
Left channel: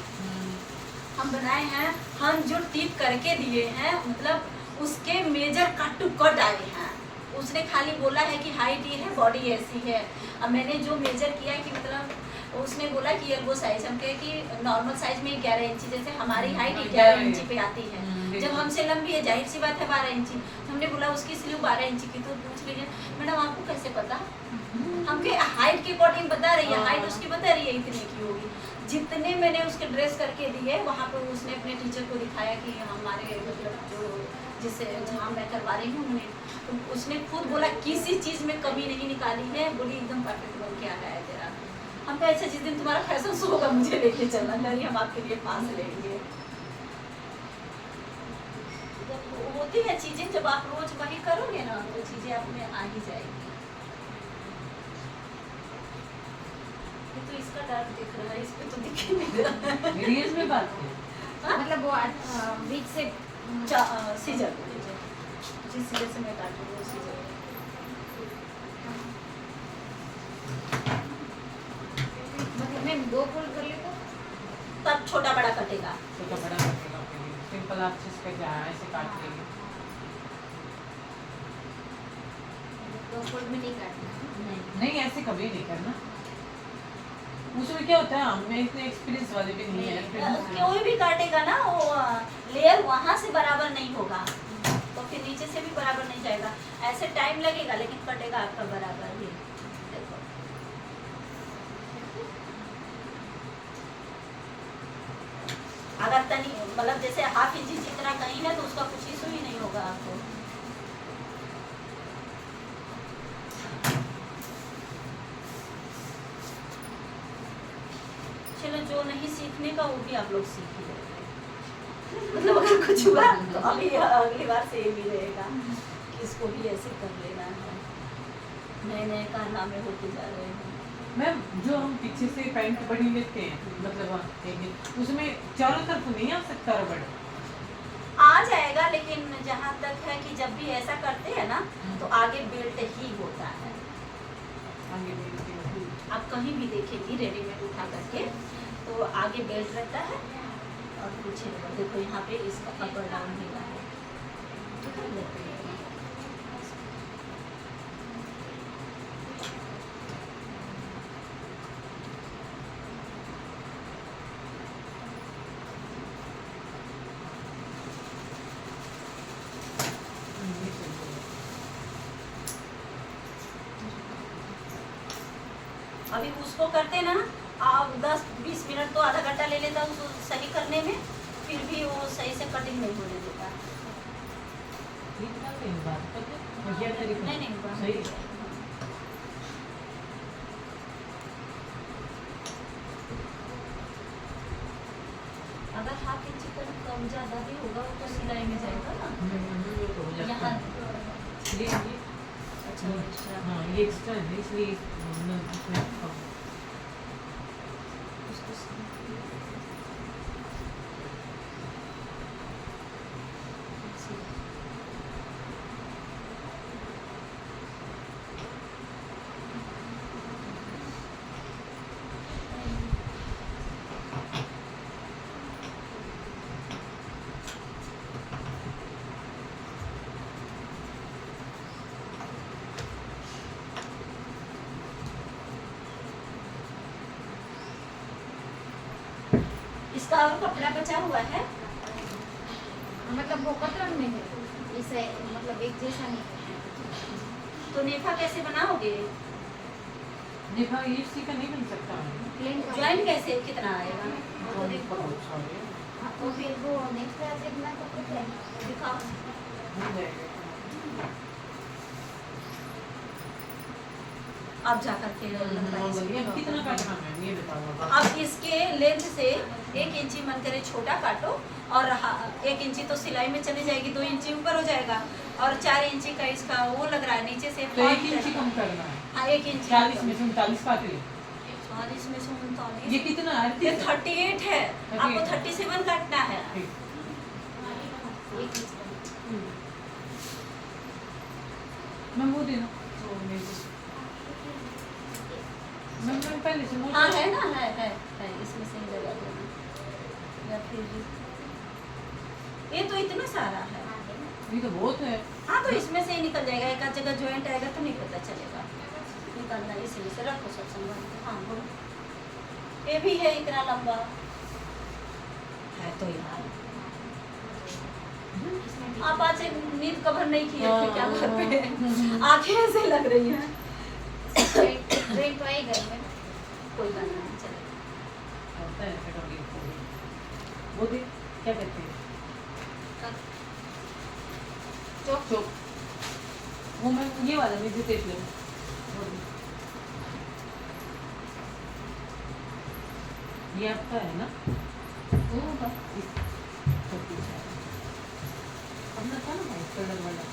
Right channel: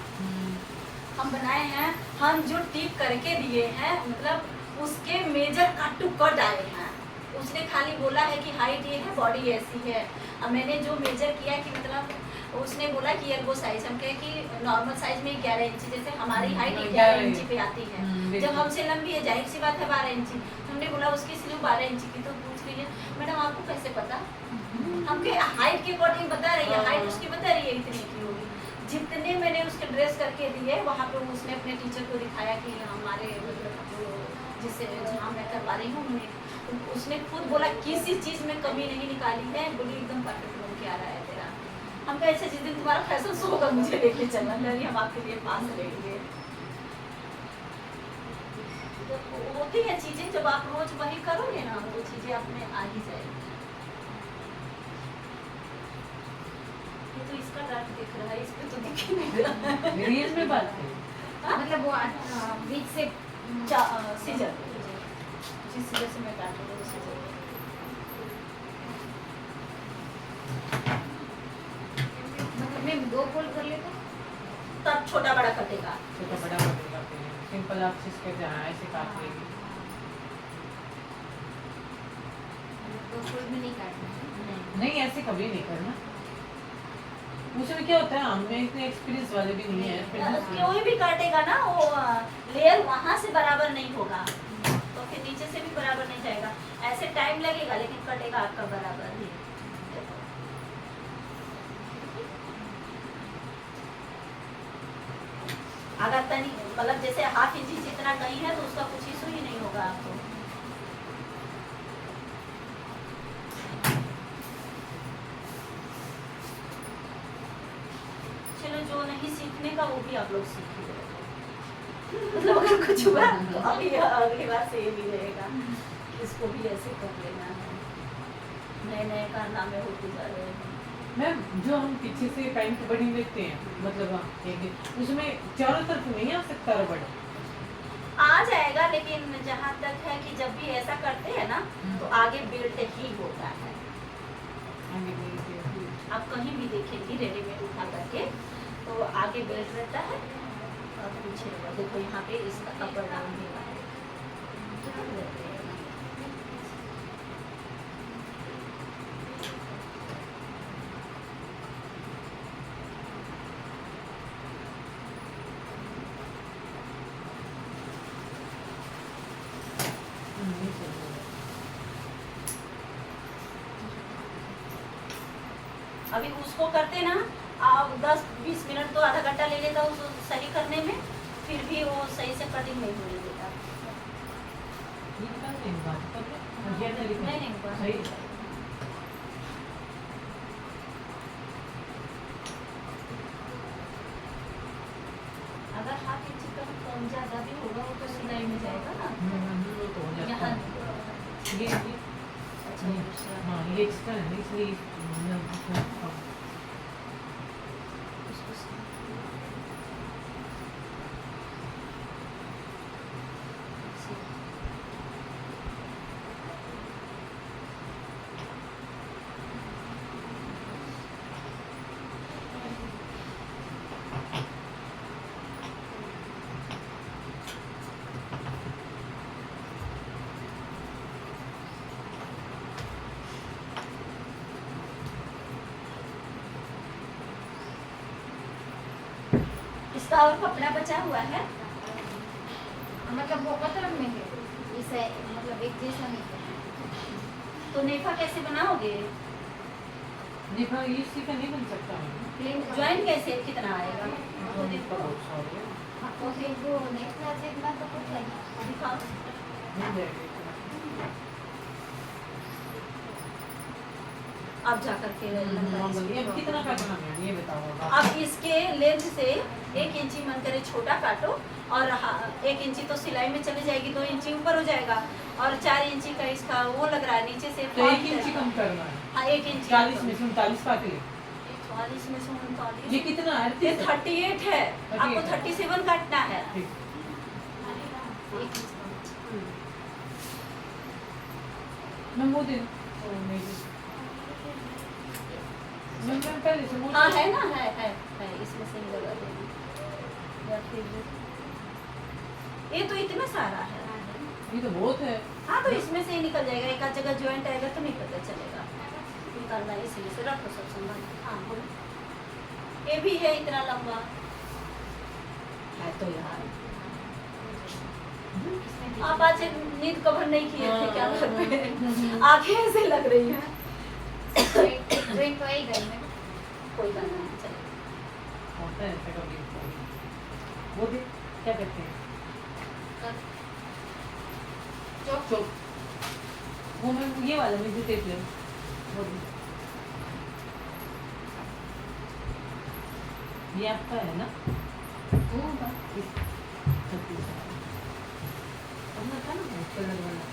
हम बनाए हैं, हम जो टिप करके दिए हैं, मतलब उसके मेजर कट टू कट आए हैं। उसने खाली बोला है कि हाइट ये है, बॉडी ऐसी है। अब मैंने जो मेजर किया कि मतलब उसने बोला कि एल्बो साइज, हम कहे कि नॉर्मल साइज में 11 इंची, जैसे हमारी हाइट 11 इंची पे आती है, जब हमसे लंबी है जाहिर सी बात है 12 इंची। तो हमने बोला उसकी स्लीव 12 इंची की, तो पूछ रही है मैडम आपको कैसे पता? हमके हाइट के अकॉर्डिंग बता रही है, हाइट उसकी बता रही है इतनी की होगी। जितने मैंने उसके ड्रेस करके दिए वहाँ पे उसने अपने टीचर को दिखाया कि हमारे मतलब जो जिससे जहाँ मैं करवा रही हूँ उन्होंने, तो उसने खुद बोला किसी चीज़ में कमी नहीं निकाली है, बोली एकदम परफेक्ट बन के आ रहा है तेरा। हम कहे अच्छा जिस दिन तुम्हारा फैशन शो होगा मुझे लेके चलना, नहीं हम आपके लिए पास लेंगे। तो होती है चीज़ें, जब आप रोज वही करोगे ना वो चीज़ें आप में आ ही जाएगी। ये तो इसका डार्क दिख रहा है, इस पे तो दिख ही नहीं रहा। रियल में बात है। मतलब वो बीच से सीजर जिस सीजर से मैं काटूँ वो सीजर। मतलब मैं 2 फोल्ड कर ले तो तब छोटा बड़ा कटेगा। छोटा बड़ा कटेगा, सिंपल आप इसका जहाँ ऐसे काट लेंगे। 2 फोल्ड में नहीं काटना। नहीं ऐसे कभी नहीं करना, उसमें क्या होता है हमें इतने एक्सपीरियंस वाले भी नहीं है। कोई भी काटेगा ना वो लेयर वहाँ से बराबर नहीं होगा, तो फिर नीचे से भी बराबर नहीं जाएगा। ऐसे टाइम लगेगा लेकिन कटेगा आपका बराबर ही। देखो। अगर तनी मतलब जैसे हाफ इंची जितना कहीं है तो उसका कुछ इशू ही नहीं होगा आपको। चलो जो नहीं सीखने का वो भी आप लोग सीख ही रहे। मतलब अगर कुछ हुआ तो अभी अगली बार से ये भी रहेगा कि इसको भी ऐसे कर लेना है। नए नए कारनामे होते जा रहे हैं। मैम जो हम पीछे से पैंट बड़ी लेते हैं मतलब हम उसमें चारों तरफ नहीं आ सकता रबड़? आ जाएगा, लेकिन जहाँ तक है कि जब भी ऐसा करते हैं ना तो आगे बेल्ट ही होता है। आप कहीं भी देखेंगी रेडीमेड उठा करके तो आगे बेल्ट रहता है और पीछे देखो यहाँ पे इसका अपर डाउन ही है। अभी उसको करते ना आप 10-20 मिनट तो आधा घंटा ले लेता उसको सही करने में, फिर भी वो सही से कटिंग नहीं होने देता। नहीं नहीं हुआ। सही। अगर हाथ इंच कम ज़्यादा भी होगा वो तो सिलाई में जाएगा ना। वो तो हो जाता यहाँ है। चलो एक्स्ट्रा हाँ ये एक्स्ट्रा है इसलिए मैं अपने उसको इसका और कपड़ा बचा हुआ है। मतलब वो कतरन में है इसे मतलब एक जैसा नहीं है। तो नेफा कैसे बनाओगे? ये पर ये इसी का नहीं बन सकता प्लेन ज्वाइंट कैसे कितना आएगा? तो देखो हाँ, तो फिर वो नेक्स्ट क्लास इतना तो कुछ नहीं दिखाओ। मिल जाएगा अब जाकर फिर अब कितना काटना है ये बताओ अब अब इसके लेंथ से 1 इंची मन करे छोटा काटो और 1 इंची तो सिलाई में चली जाएगी, 2 इंची ऊपर हो जाएगा और 4 इंची का इसका वो लग रहा है नीचे से तो 1 इंची कम करना है हाँ 1 इंची 40 में से 39 काट ले 40 में से 39 ये कितना है ये 38 है, आपको 37 काटना है। ठीक एक मैं वो देना तो मैं पहले से हाँ है ना, है इसमें से ही लगा देना या फिर ये तो इतना सारा है। ये तो बहुत है हाँ तो इसमें से ही निकल जाएगा, एक आध जगह ज्वाइंट आएगा तो नहीं पता चलेगा निकालना, इसमें से रखो सब संभाल के। हाँ बोलो ये भी है इतना लंबा है तो यार आप आज नींद कवर नहीं किए थे क्या करते? आंखें ऐसे लग रही हैं। ट्रेन तो आई गई मैं कोई बात नहीं चलेगा। होता है ऐसा कभी वो दे क्या कहते हैं चौक चौक वो मैं ये वाला मैं जो देख लिया वो दे ये आपका है ना वो बस अपना था ना कलर वाला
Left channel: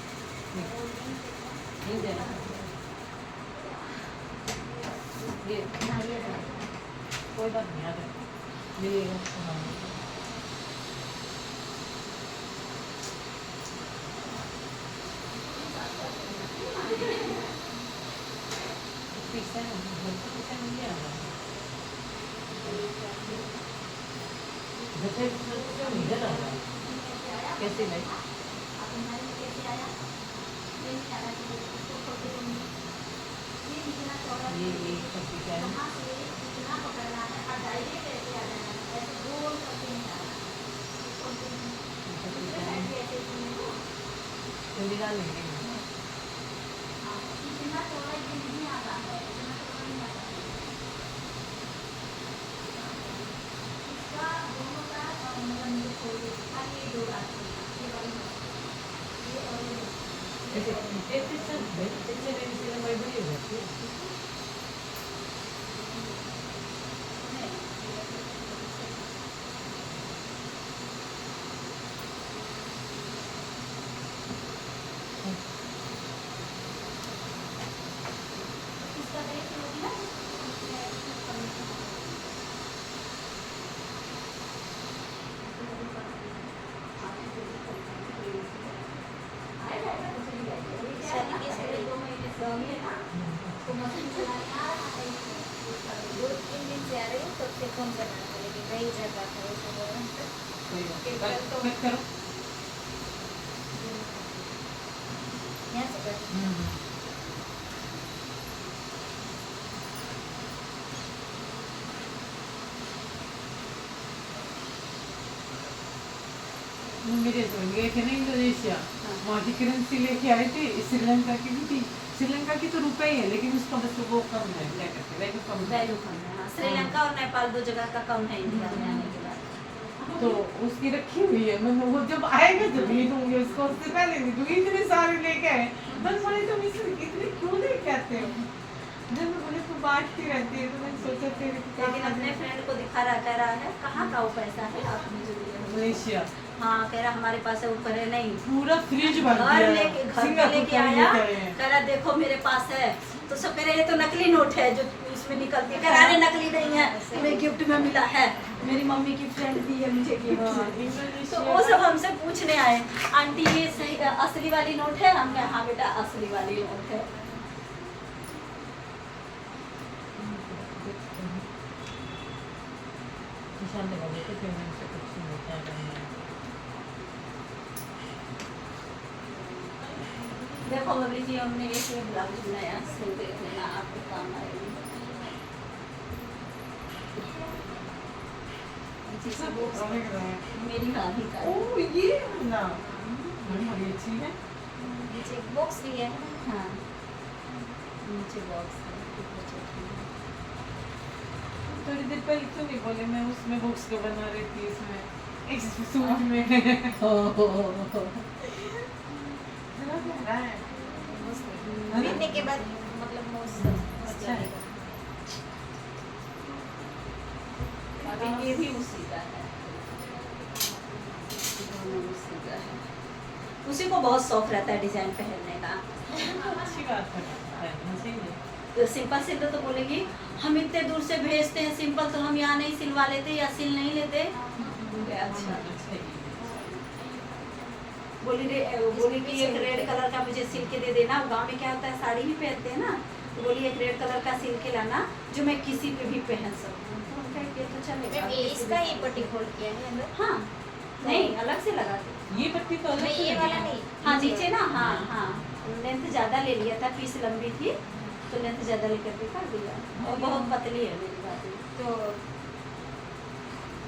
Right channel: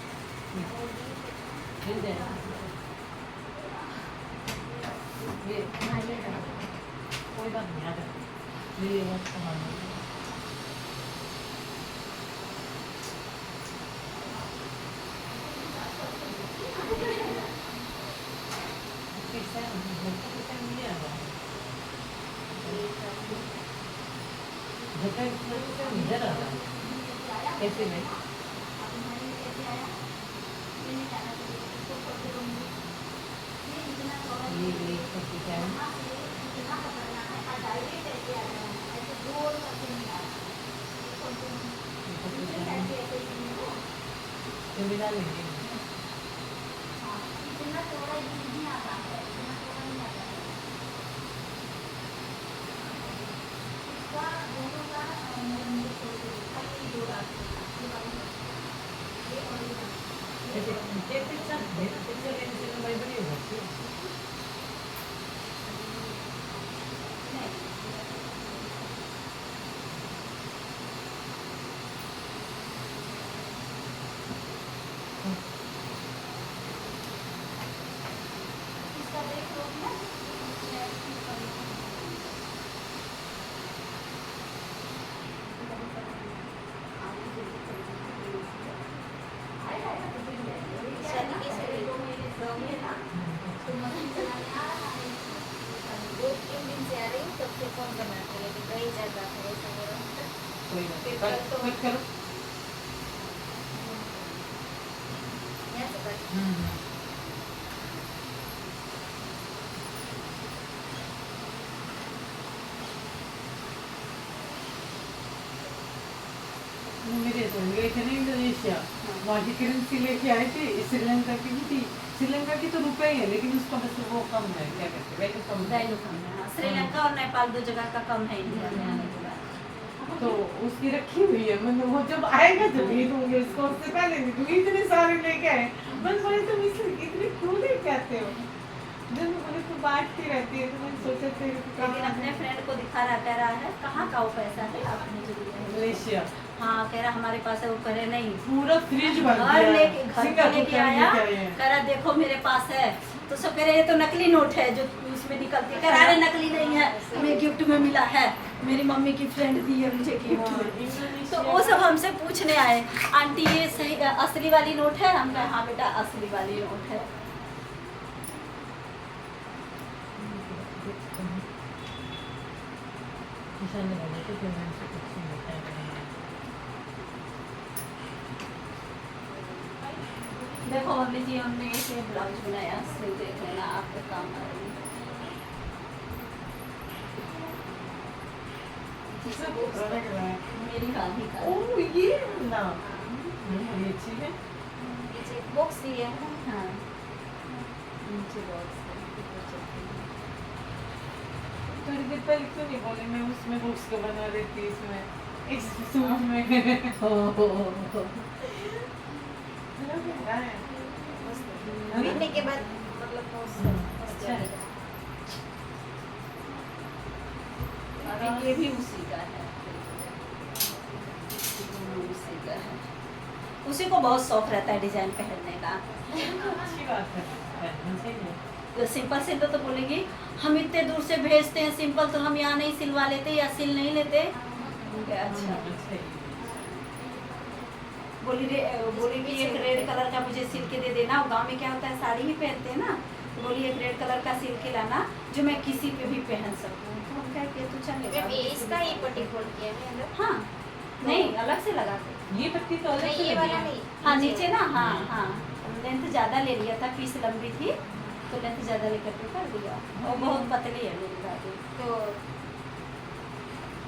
मिल जाएगा ये कोई बात नहीं आ जाए मिलेगा हाँ पैसा नहीं आ रहा है इधर आ रहा है कैसे नहीं ये एक डिजाइन तो मिला लेंगे कौन बनाता लेकिन रही जाए बात है वैसे बोलो क्लिक करो यहाँ से कर मेरे तो गए थे ना इंडोनेशिया वहाँ की करेंसी लेके आए थे श्रीलंका की भी थी श्रीलंका की तो रुपए ही है लेकिन उसका बस वो कम है क्या कहते हैं वैल्यू कम है वैल्यू कम है। हाँ, श्रीलंका और नेपाल 2 जगह का कम है इंडिया में आने के बाद। तो उसकी रखी हुई है मतलब वो जब आएगा तो नहीं दूंगी उसको उससे पहले नहीं दूंगी इतने सारे लेके आए बस बोले तुम इतने क्यों लेके आते हो जब बोले तो बांटती रहती है तो मैंने सोचा फिर लेकिन अपने फ्रेंड को दिखा रहा कह रहा है कहाँ का वो पैसा है आप मुझे दिखाइए। मलेशिया हाँ कह रहा हमारे पास है, वो करे नहीं पूरा फ्रिज भर घर दिया लेके घर पे सिंगापुर लेके का आया, लेके आए हैं। कह रहा देखो मेरे पास है, तो सब कह रहे ये तो नकली नोट है जो इसमें निकलती है, कह रहा अरे नकली नहीं है, हमें गिफ्ट में मिला है, मेरी मम्मी की फ्रेंड दी है मुझे हाँ, गिफ्ट। तो वो सब हमसे पूछने आए, आंटी ये सही असली वाली नोट है? हम कहा हाँ बेटा असली वाली नोट है। निशान लगा देते थे उनसे कुछ नहीं होता है। देखो अभी जी हमने एक ब्लाउज बनाया, सिल देख लेना आपको काम आएगा। किसने वो रहा है? मेरी रानी का ओह ये ना ये अच्छी है। नीचे एक बॉक्स दिए है ना। हाँ नीचे बॉक्स है। थोड़ी देर पहले क्यों नहीं बोले, मैं उसमें बॉक्स को बना रही थी इसमें इस सूट में। पहनने के बाद मतलब मस्त अच्छा। लगेगा। अभी ये भी उसी का है, उसी का है। उसी को बहुत शौक रहता है डिजाइन पहनने का। अच्छी बात है, पहनना चाहिए। तो सिंपल सिलते तो बोलेगी हम इतने दूर से भेजते हैं सिंपल, तो हम यहाँ नहीं सिलवा लेते या सिल नहीं लेते। अच्छा बोली कि एक रेड कलर का मुझे सिल के दे देना। गांव में क्या होता है साड़ी भी पहनते हैं ना, तो बोली एक रेड कलर का सिल के लाना जो मैं किसी पे भी पहन सकूँ। तो हम कहा कि ये तो चलेगा। मैम, ये इसका ही पट्टी खोल किया है अंदर। हाँ नहीं अलग से लगा के। ये पट्टी तो अलग नहीं, से ये लगी वाला है। नहीं। हाँ नीचे ना, हाँ हाँ लेंथ ज़्यादा ले लिया था, पीस लंबी थी तो लेंथ ज़्यादा लेकर के कर दिया, और बहुत पतली है मेरी बात। तो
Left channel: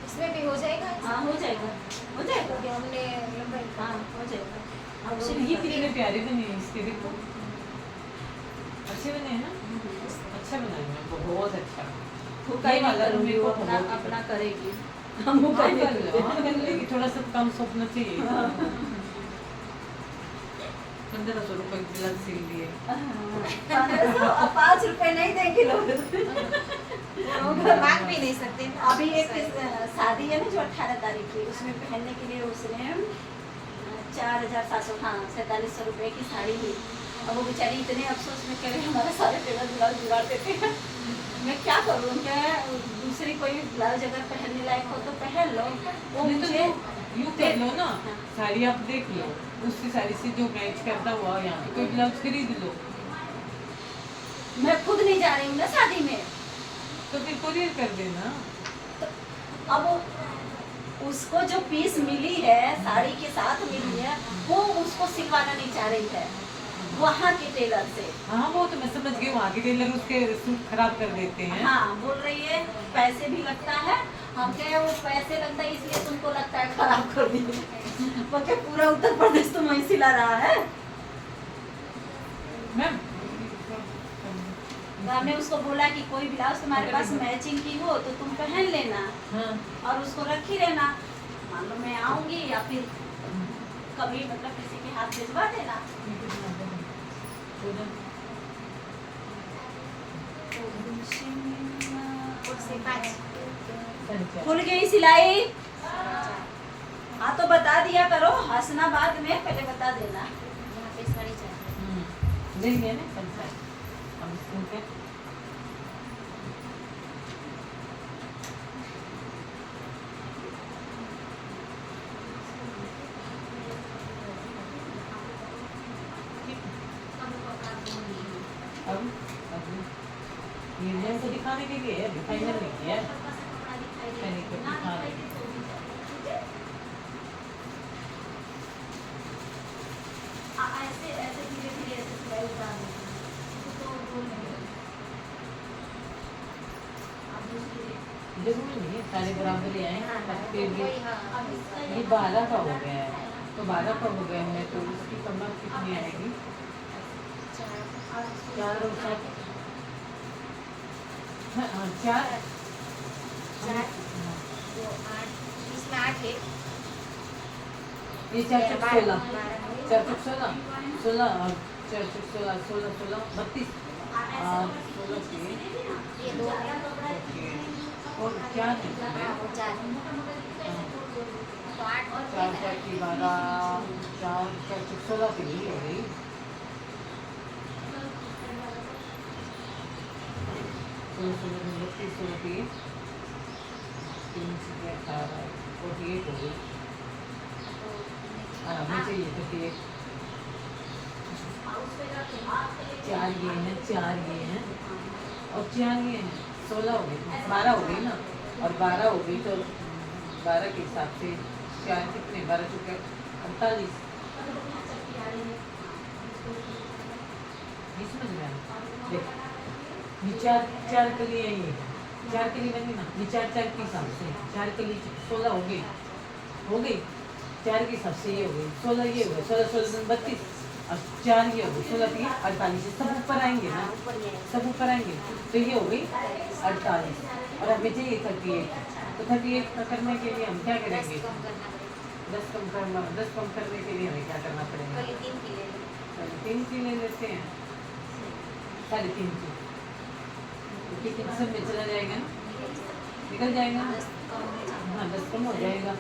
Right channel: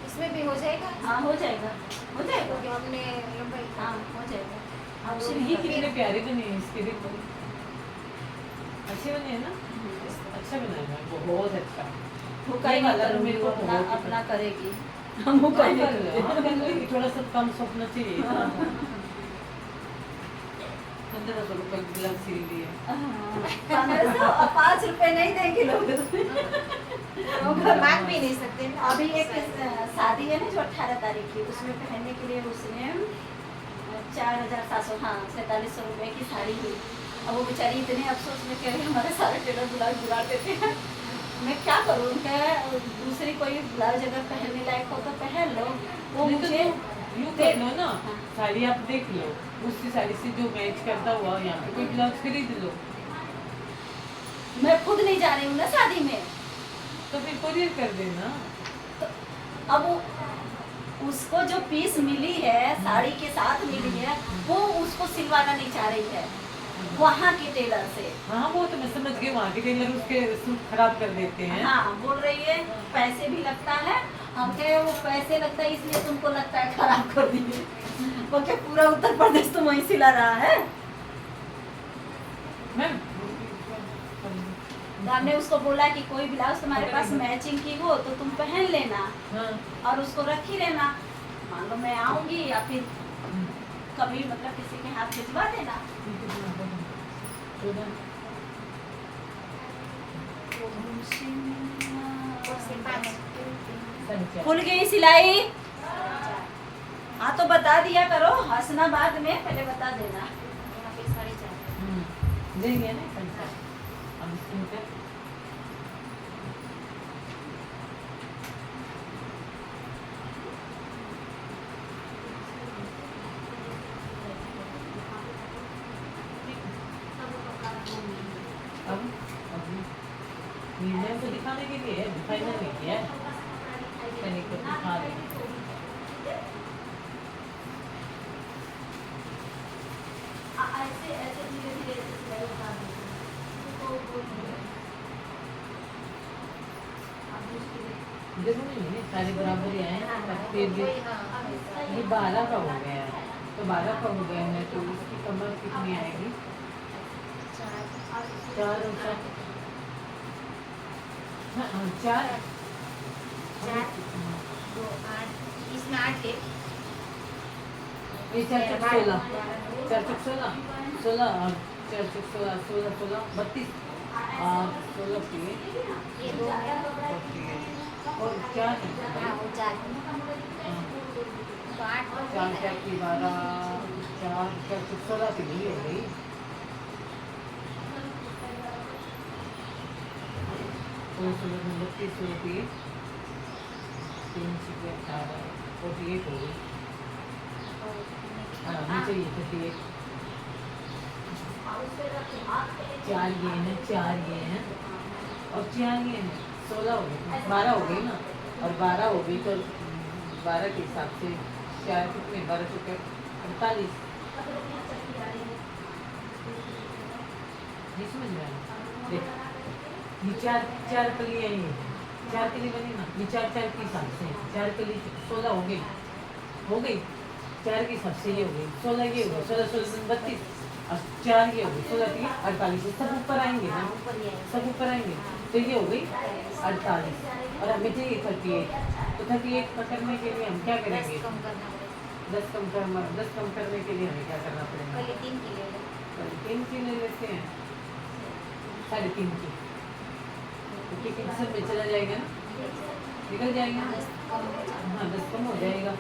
इसमें भी हो जाएगा। हाँ हो जाएगा, हो जाएगा। क्योंकि हमने लंबाई हाँ हो जाएगा। अब ये कितने प्यारे बने हैं इसके, देखो अच्छे बने हैं ना, अच्छा बनाया है बहुत अच्छा। वो कहीं वाला करूँगी, मेरे को वो अपना बहुत अपना करेगी, हम वो हाँ, कहीं कर लो, हाँ, कर लेगी, थोड़ा सा कम स्वप्न चाहिए। 1500 रुपए ग्लव सिल दिए। 5 रुपए नहीं देंगे लोग। मांग भी नहीं सकते ना। अभी एक शादी है ना जो 18 तारीख की, उसमें पहनने के लिए उसने 4700 हाँ 4700 रुपए की साड़ी ली। अब वो बेचारी इतने अफसोस में कह रही हमारे सारे टेलर ब्लाउज बिगाड़ देते हैं। मैं क्या करूँ, क्या दूसरी कोई ब्लाउज अगर पहनने लायक हो तो पहन लो। वो नहीं तो मुझे यूँ कर लो ना, साड़ी आप देख लो, दूसरी साड़ी से जो मैच करता हुआ यहाँ पे कोई ब्लाउज खरीद लो, मैं खुद नहीं जा रही हूँ ना शादी में, तो फिर कोरियर कर देना। अब उसको जो पीस मिली है साड़ी के साथ मिली है, वो उसको सिलवाना नहीं चाह रही है वहाँ के टेलर से। हाँ वो तो मैं समझ गई, वहाँ के टेलर उसके सूट खराब कर देते हैं। हाँ बोल रही है पैसे भी लगता है, हम कहे वो पैसे लगता है इसलिए तुमको लगता है खराब कर दिए। वो क्या पूरा उत्तर प्रदेश तो वहीं सिला रहा है। मैम तो हमने उसको बोला कि कोई ब्लाउज तुम्हारे पास मैचिंग की हो तो तुम पहन लेना हाँ और उसको रखी रहना, मान लो मैं आऊंगी या फिर कभी मतलब किसी के हाथ भिजवा देना। खुल गई सिलाई। हाँ तो बता दिया करो, हंसना बाद में, पहले बता देना। दे दिया ना पैसा, अब इनका अब यूनियन को दिखाने के लिए फाइनल नहीं किया है, मैंने को दिखा रही हूँ। ऐसे ऐसे धीरे धीरे ऐसे सिलाई उतारना है। तो अब दूसरी जरूरी नहीं है सारे बराबर ही आए, फिर भी ये 12 का हो गया है, तो 12 का हो गया है तो इसकी कमर कितनी आएगी? 4 और 7 हाँ 4 इसमें 8 है। ये 4 चौक 16, 4 चौक 16, 16 और 4 चौक 16, 16 16 32 और 16 के ये 2 है। और 4 हाँ, वो 4 है। तो 8 बन चार गई चार की 12, 4 4 16 की नहीं हो गई। 16 32 16 3 से 18 48 हो गई। हाँ नीचे ये 38 4 ये हैं 4 ये हैं और 4 ये हैं 16 हो गई 12 हो गई ना और 12 हो गई तो 12 के हिसाब से 4 कितने 12 चुके 48 नहीं समझ में आया देख ये 4 कली है ये 4 कली बनी ना ये 4 4 के हिसाब से 4 कली 16 हो गई 4 के हिसाब से ये हो गई 16 ये हो गई 16 16 32 और 4 ये हो गई 16 की 48 सब ऊपर आएंगे ना हाँ, ऊपर ये है। सब ऊपर आएंगे तो ये हो गई 48 और हमें चाहिए 38 तो 38 का करने के लिए हम क्या 10 करेंगे कम करना पड़ेगा। 10 कम करने के लिए हमें क्या करना पड़ेगा कल 3 की ले लो। 3 की ले लेते हैं 3.5 की तो कितने सब में चला जाएगा ना निकल जाएगा 10 कम हो जाएगा। हाँ 10 कम हो जाएगा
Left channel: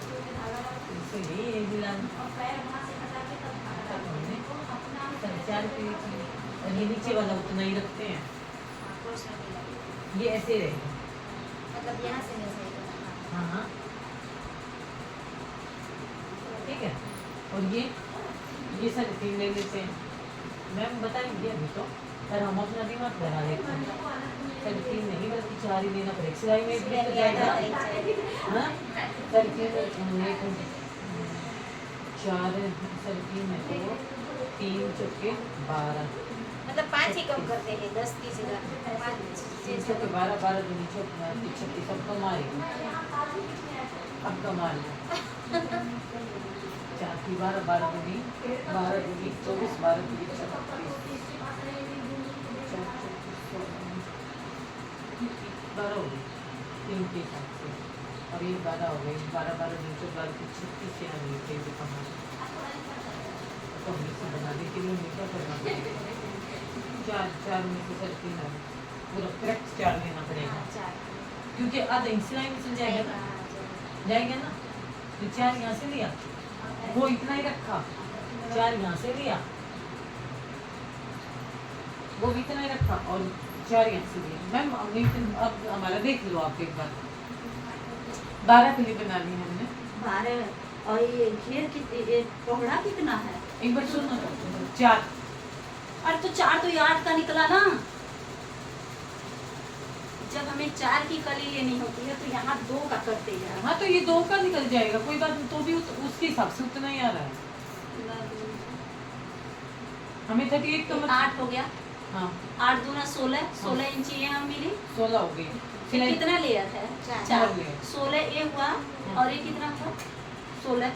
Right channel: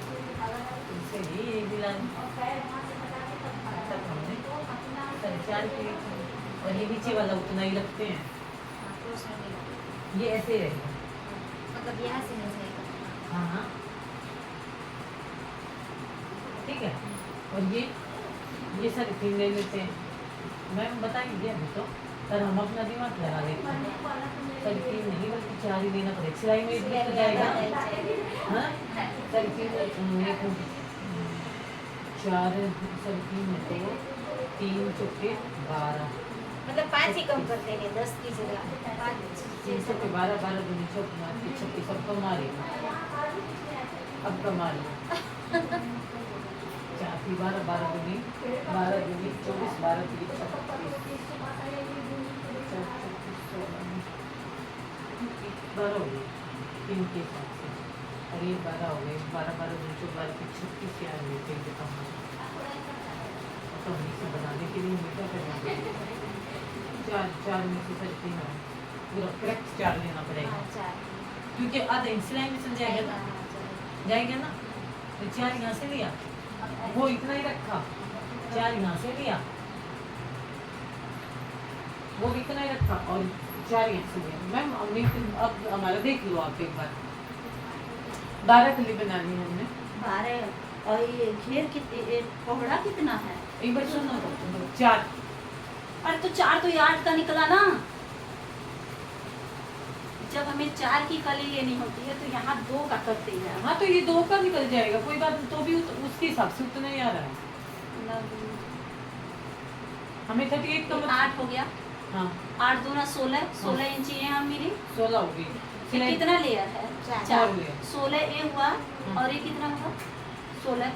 इससे यही दिलाना तब हमने 4.5 की और ये नीचे वाला उतना ही रखते हैं हाँ, क्रॉस में मिला। ये ऐसे रहेगा मतलब यहाँ से नहीं जाएगा। हाँ हाँ ठीक है और ये सारे 3 ले लेते हैं मैम बताएंगे अभी तो पर हम अपना दिमाग लगा लेते हैं सारी 3 नहीं बल्कि 4 ही लेना पड़ेगा सिलाई में भी तो जाएगा हाँ सारी 3 4 सारी 3 है तो 3 चौके 12 मतलब 5 ही कम करते हैं 10 की जगह 5 3 चौके 12 12 दूनी 24 36 सब कमा रही अब कमा रही 4 की 12 12 दूनी 12 दूनी 24 12 दूनी 12 हो गई 3 के हिसाब से और ये 12 हो गए 12 12 दूनी 12 की 36 यार ये फिर भी कम तो हम इसे बनाने के लिए हमें क्या करना पड़ेगा 4 में से सर 3 पूरा करेक्ट 4 लेना पड़ेगा हाँ, 4 क्योंकि आधा सिलाई में जाएगा ना जाएगा ना तो 4 यहाँ से लिया वो इतना ही रखा 4 यहाँ से लिया वो भी इतना ही रखा और 4 यहाँ से लिया मैम अब हमारा देख लो आप एक बार 12 कली बनानी है हमने 12 और ये घेर की पौड़ा कितना है एक बार सुनो 4 अरे तो 4 तो ये 8 का निकला ना जब हमें 4 की कली लेनी होती है तो यहाँ 2 का करते हैं हाँ तो ये 2 का निकल जाएगा कोई बात नहीं तो भी उसके हिसाब से उतना ही आ रहा है हमें 38 का 8 हो गया हाँ 8 दूना 16 इंची ये हम मिली 16 हो गई तो सिलाई कितना लेयर है चार। 4 हुए। 16 ये हुआ और ये कितना हुआ 16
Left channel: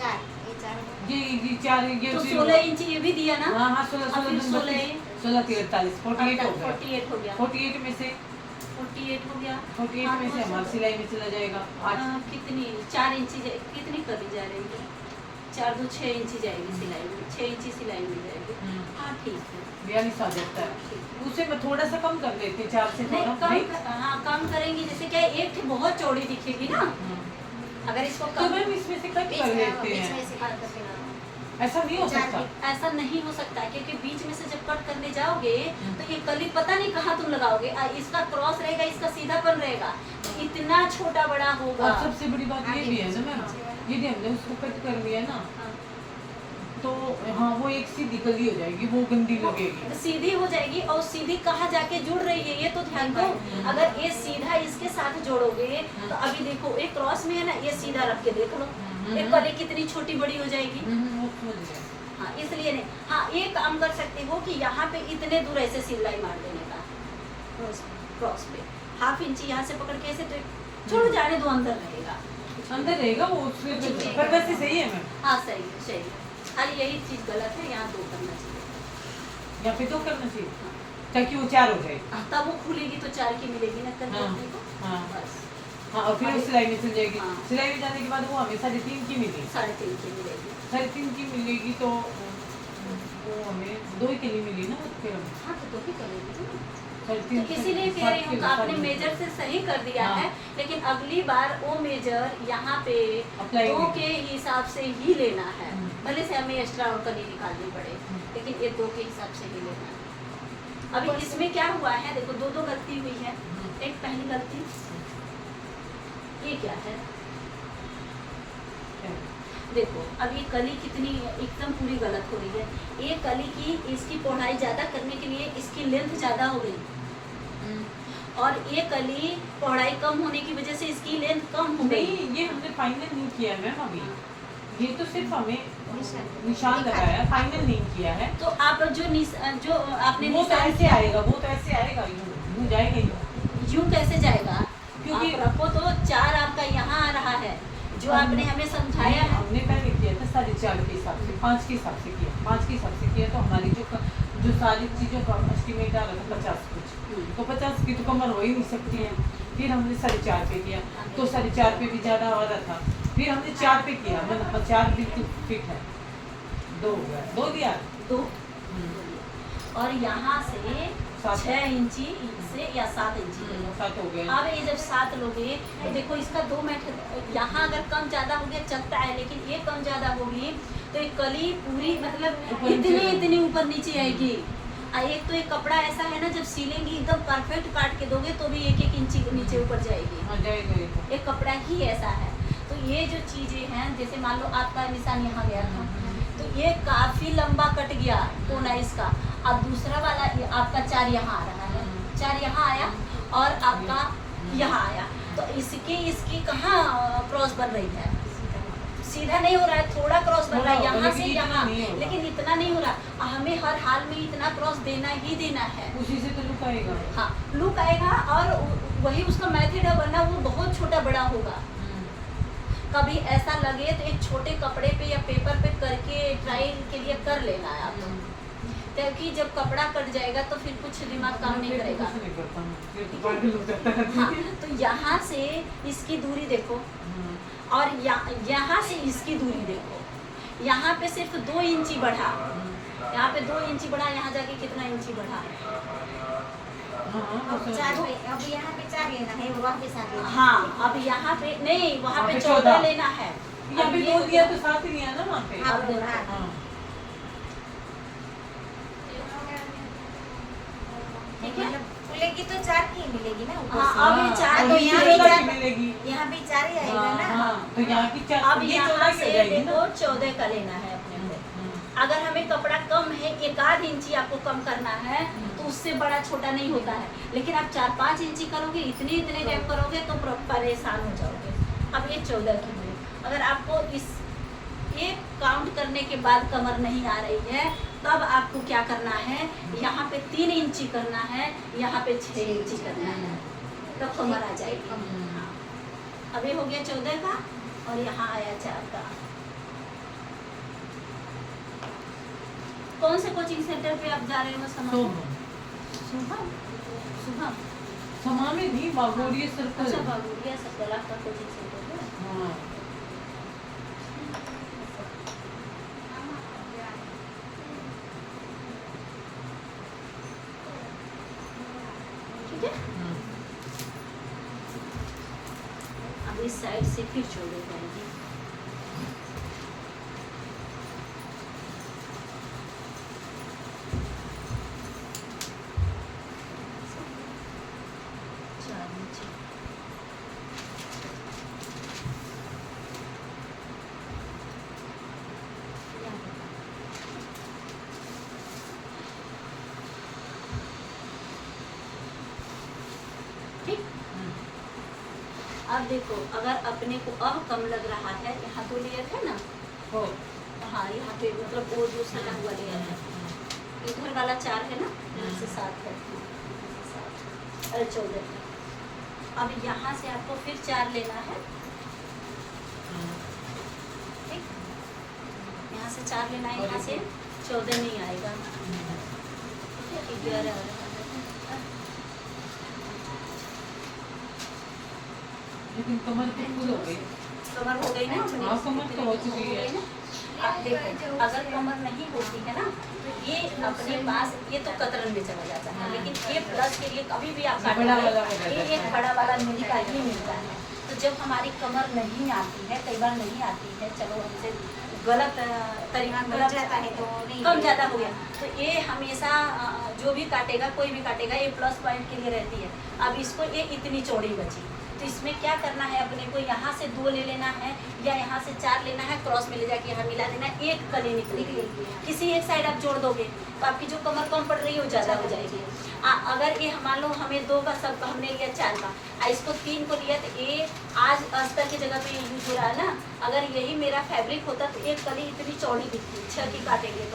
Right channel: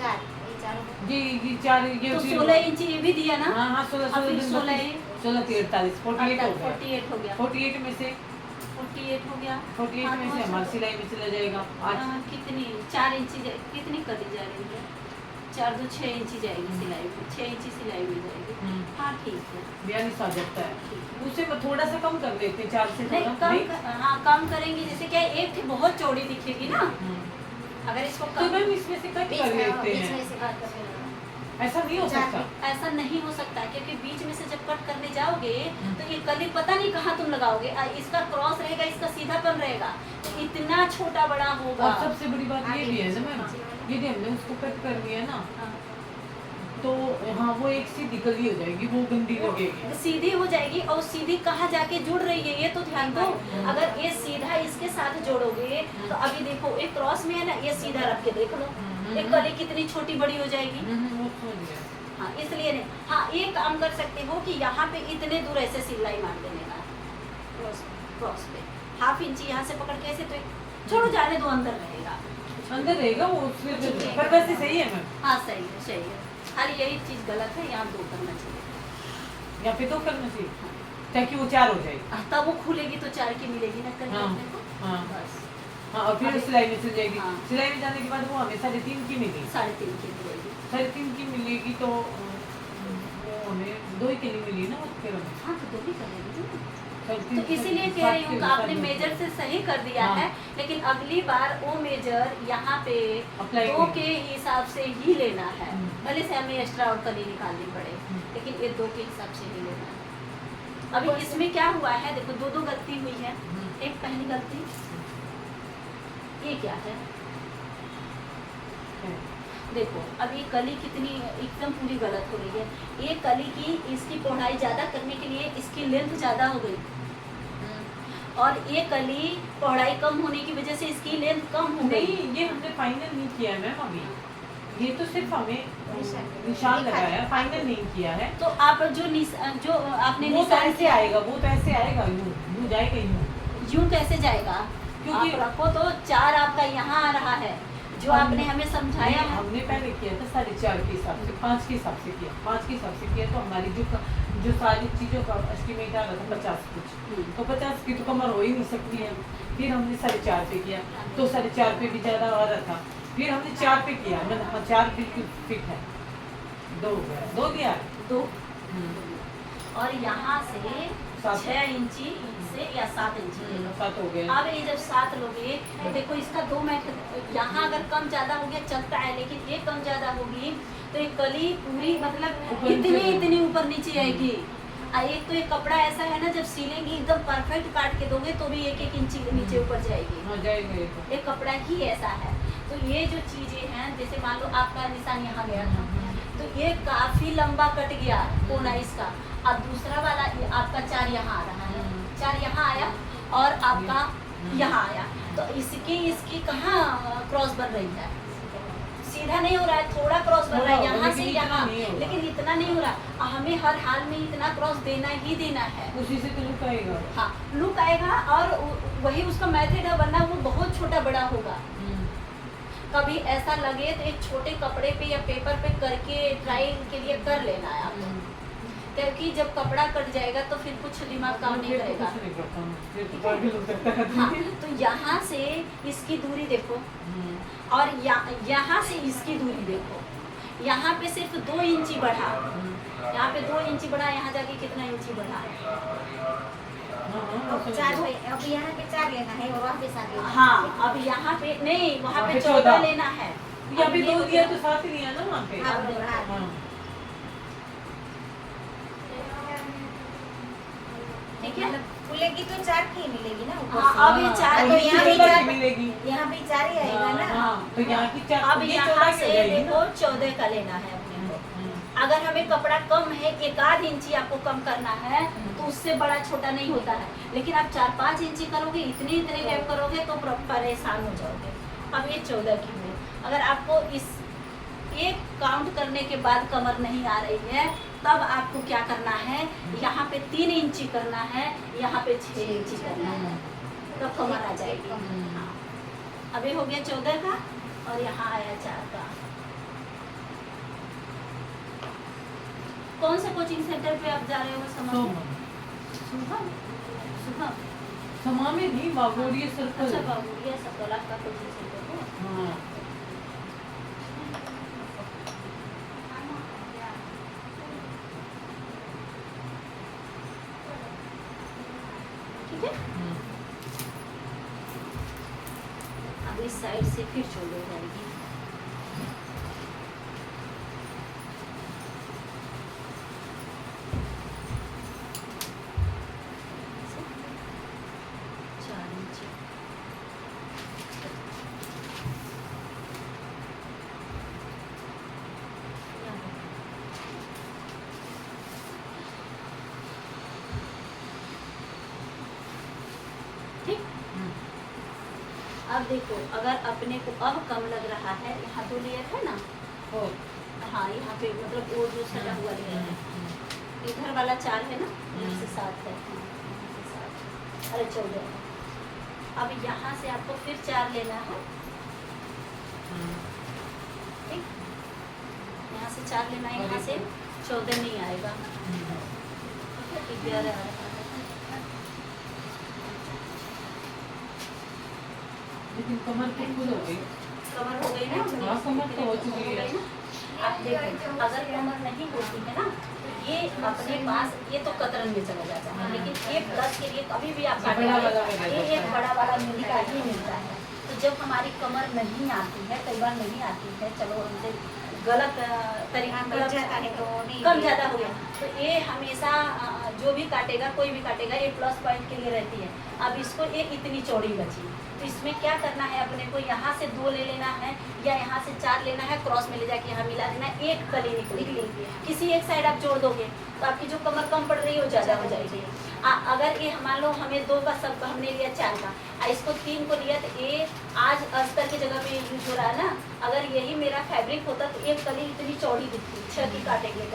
4 ये 4 ये 4 ये तो 16 इंची ये भी दिया ना हाँ हाँ 16 अब फिर 16 16 48 48 हो गया 48 हो गया 48 में से 48 हो गया 48 में से हमारी सिलाई में चला जाएगा आज कितनी 4 इंची कितनी करी जा रही है 4 2 6 इंची जाएगी सिलाई में 6 इंची सिलाई में जाएगी हाँ ठीक है 42 आ जाता है उसे थोड़ा सा कम कर देते 4 से नहीं थोड़ा कम हाँ कम करेंगे जैसे क्या एक थी बहुत चौड़ी दिखेगी ना अगर इसको तो कम मैम इसमें से कट कर लेते बीच में हैं से कट करके लगाओ। ऐसा नहीं हो सकता ऐसा नहीं हो सकता है क्योंकि बीच में से जब कट करने जाओगे तो ये कली पता नहीं कहाँ तुम लगाओगे इसका क्रॉस रहेगा इसका सीधापन रहेगा तो इतना छोटा बड़ा होगा और सबसे बड़ी बात ये भी है ना मैम यदि हमने उसको कट कर लिया ना हाँ। तो हाँ वो एक सीधी कली हो जाएगी वो गंदी लगेगी सीधी हो जाएगी और सीधी कहाँ जाके जुड़ रही है ये तो ध्यान दो अगर ये सीधा इसके साथ जोड़ोगे तो अभी देखो एक क्रॉस में है ना ये सीधा रख के देख लो एक कली कितनी छोटी बड़ी हो जाएगी वो समझ गए हाँ इसलिए नहीं हाँ ये काम कर सकते हो कि यहाँ पे इतने दूर ऐसे सिलाई मार देने का क्रॉस पे हाफ इंची यहाँ से पकड़ के ऐसे तो छोड़ो जाने दो अंदर रहेगा अंदर रहेगा वो उससे पर वैसे सही है मैम हाँ सही है खाली यही चीज गलत है यहाँ 2 करना चाहिए या फिर 2 करना चाहिए ताकि वो 4 हो जाए तब वो खुलेगी तो 4 की मिलेगी ना करके हाँ, अपने को हाँ। बस हाँ और फिर वो सिलाई में चल जाएगी हाँ। सिलाई में जाने के बाद वो हमें 3.5 की मिली 3.5 की मिलेगी 3.5 की मिलेगी तो वो हमें 2 ही कली मिली ना वो फिर हाँ तो 2 ही करेगी ना तो इसीलिए कह रही हूँ, तो आपने मेजर से सही कर दिया हाँ। है, लेकिन अगली बार वो मेजर यहाँ पे Apply 2 नहीं। के हिसाब से ही लेना है। हम्म। भले से हमें एक्स्ट्रा और कली निकालनी पड़े, लेकिन ये 2 के हिसाब से ही लेना है। अभी इसमें क्या हुआ है, देखो 2 गलती हुई है। एक पहली गलती, ये क्या है, देखो अब ये कली कितनी एकदम पूरी गलत हो रही है। ये कली की इसकी पढ़ाई ज़्यादा करने के लिए इसकी लेंथ ज़्यादा हो गई, और ये कली पढ़ाई कम होने की वजह से इसकी लेंथ कम हो गई। नहीं, ये हमने फाइनल नहीं किया है मैम अभी, ये तो सिर्फ हमें निशान लगाया है, फाइनल नहीं किया है। तो आप जो आपने वो तो निशान ऐसे आएगा, वो तो ऐसे आएगा, यूं जाएगा यूं। यूं कैसे जाएगा, क्योंकि आप रखो तो 4 आपका यहाँ आ रहा है, जो आपने हमें समझाया है। हमने पहले किया था 4.5 के हिसाब से, 5 के हिसाब से किया, 5 के हिसाब से किया, तो हमारी जो सारी चीज़ों का एस्टिमेट आ रहा था 50 कुछ, तो 50 की तो कमर हो ही नहीं सकती है। फिर हमने 4.5 पे किया, तो 4.5 पे भी ज़्यादा आ रहा था, फिर हमने 4 पे किया, मैंने 4 बिल्कुल फिट है, 2 दिया 2 और यहाँ से 6 इंची से या 7 इंची ले लो। 7 हो गए। अब ये जब 7 लोगे तो देखो इसका 2 मेथड, यहाँ अगर कम ज़्यादा हो गया चलता है, लेकिन ये कम ज़्यादा होगी तो ये कली पूरी मतलब ऊपर नीचे इतनी ऊपर नीचे आएगी। एक तो ये कपड़ा ऐसा है ना, जब सिलेंगी एकदम परफेक्ट काट के दोगे तो भी 1-1 इंची नीचे ऊपर जाएगी। हाँ जाएगा ये तो। ये कपड़ा ही ऐसा है। तो ये जो चीज़ें हैं, जैसे मान लो आपका निशान यहाँ गया था, तो ये काफ़ी लंबा कट गया कोना इसका, अब दूसरा वाला ये आपका 4 यहाँ आ रहा है, 4 यहाँ आया और आपका यहाँ आया, तो इसकी कहाँ क्रॉस बन रही है, सीधा नहीं हो रहा है, थोड़ा क्रॉस बन रहा है यहाँ से यहाँ, लेकिन इतना नहीं हो रहा। हमें हर हाल में इतना क्रॉस देना ही देना है, उसी से तो लुक आएगा। हाँ लुक आएगा, और वही उसका मेथड है, वरना वो बहुत छोटा बड़ा होगा। कभी ऐसा लगे तो एक छोटे कपड़े पे या पेपर पे करके ट्रायल के लिए कर लेना है आपको, क्योंकि जब कपड़ा कट जाएगा तो फिर कुछ दिमाग काम नहीं करेगा। हाँ, तो यहाँ से इसकी दूरी देखो, और यहाँ से इसकी दूरी देखो, यहाँ पे सिर्फ 2 इंची बढ़ा, यहाँ पे 2 इंची बढ़ा, यहाँ जाके कितना इंची बढ़ा। 4 पे, अब यहाँ पे 4 लेना है और वहाँ पे 7 लेना है। हाँ, अब यहाँ पे नहीं, वहाँ पे 14 14 लेना है। यहाँ अब पे ये 2 दिया तो 7 ही लिया ना वहाँ पे। हाँ, वो हाँ। हाँ। ठीक है, खुलेगी तो 4 की ही मिलेगी ना ऊपर हाँ, से। अब ये 4 तो तो यहाँ ये भी 4 मिलेगी। यहाँ भी 4 ही आएगा ना। हाँ, तो यहाँ की 4 अब ये यहाँ 14 की से हो जाएगी देखो ना। 14 का लेना है अपने पे। अगर हमें कपड़ा कम है, 1-8 इंची आपको कम करना है, तो उससे बड़ा छोटा नहीं होता है, लेकिन आप 4-5 इंची करोगे, इतने गैप करोगे तो परेशान हो जाओगे। अब ये 14 की हुई, अगर आपको इस एक काउंट करने के बाद कमर नहीं आ रही है, तब आपको क्या करना है, यहाँ पे 3 इंची करना है, यहाँ पे 6 इंची करना है, तो कमर आ जाएगी। हाँ, अब ये हो गया 14 का, और यहाँ आया 4 का। कौन से कोचिंग सेंटर पे आप जा रहे हो समझ? शुभम, शुभम, समा में नहीं, बागोरिया सर्कल। अच्छा बाबूरिया सर्कल आपका कोचिंग सेंटर है। हाँ। ठीक है, अब इस साइड से फिर छोड़ जाएगी। ठीक, अब देखो अगर अपने को अब कम लग रहा है, यहाँ 2 लेयर है ना, हो। हाँ यहाँ पे मतलब वो जो सजा हुआ लेयर है, इधर वाला 4 है ना, यहाँ से 7 है, यहाँ से 7, अरे 14। अब यहाँ से आपको फिर 4 लेना है, ठीक, यहाँ से 4 लेना है, यहाँ से 14 नहीं आएगा, ठीक है, 11 आ रहा है। लेकिन कमर तो फुल हो गई। कमर हो गई ना, हाँ, कमर तो हो चुकी है। अब देखो अगर कमर नहीं होती है ना, तो ये अपने पास ये तो कतरन में चला जाता है, लेकिन ये प्लस के लिए कभी भी आप बड़ा वाला हो जाता ये है। एक बड़ा वाला मिलता ही मिलता है। तो जब हमारी कमर नहीं आती है, कई बार नहीं आती है, चलो हमसे गलत तरीका कम जाता है तो नहीं कम ज़्यादा हो गया, तो ये हमेशा जो भी काटेगा, कोई भी काटेगा, ये प्लस पॉइंट के लिए रहती है। अब इसको ये इतनी चौड़ी बची, तो इसमें क्या करना है, अपने को यहाँ से 2 ले लेना है या यहाँ से 4 लेना है, क्रॉस में ले जाके यहाँ मिला देना, एक कली निकलेगी। किसी एक साइड आप जोड़ दोगे तो आपकी जो कमर कम पड़ रही है वो ज़्यादा हो जाएगी। अगर ये मान लो हमें 2 का सब हमने लिया 4 का, इसको 3 को लिया, तो ये आज अस्तर की जगह पे यूज हो रहा है ना। अगर यही मेरा फैब्रिक होता तो एक कली इतनी चौड़ी दिखती, 6 की काटेंगे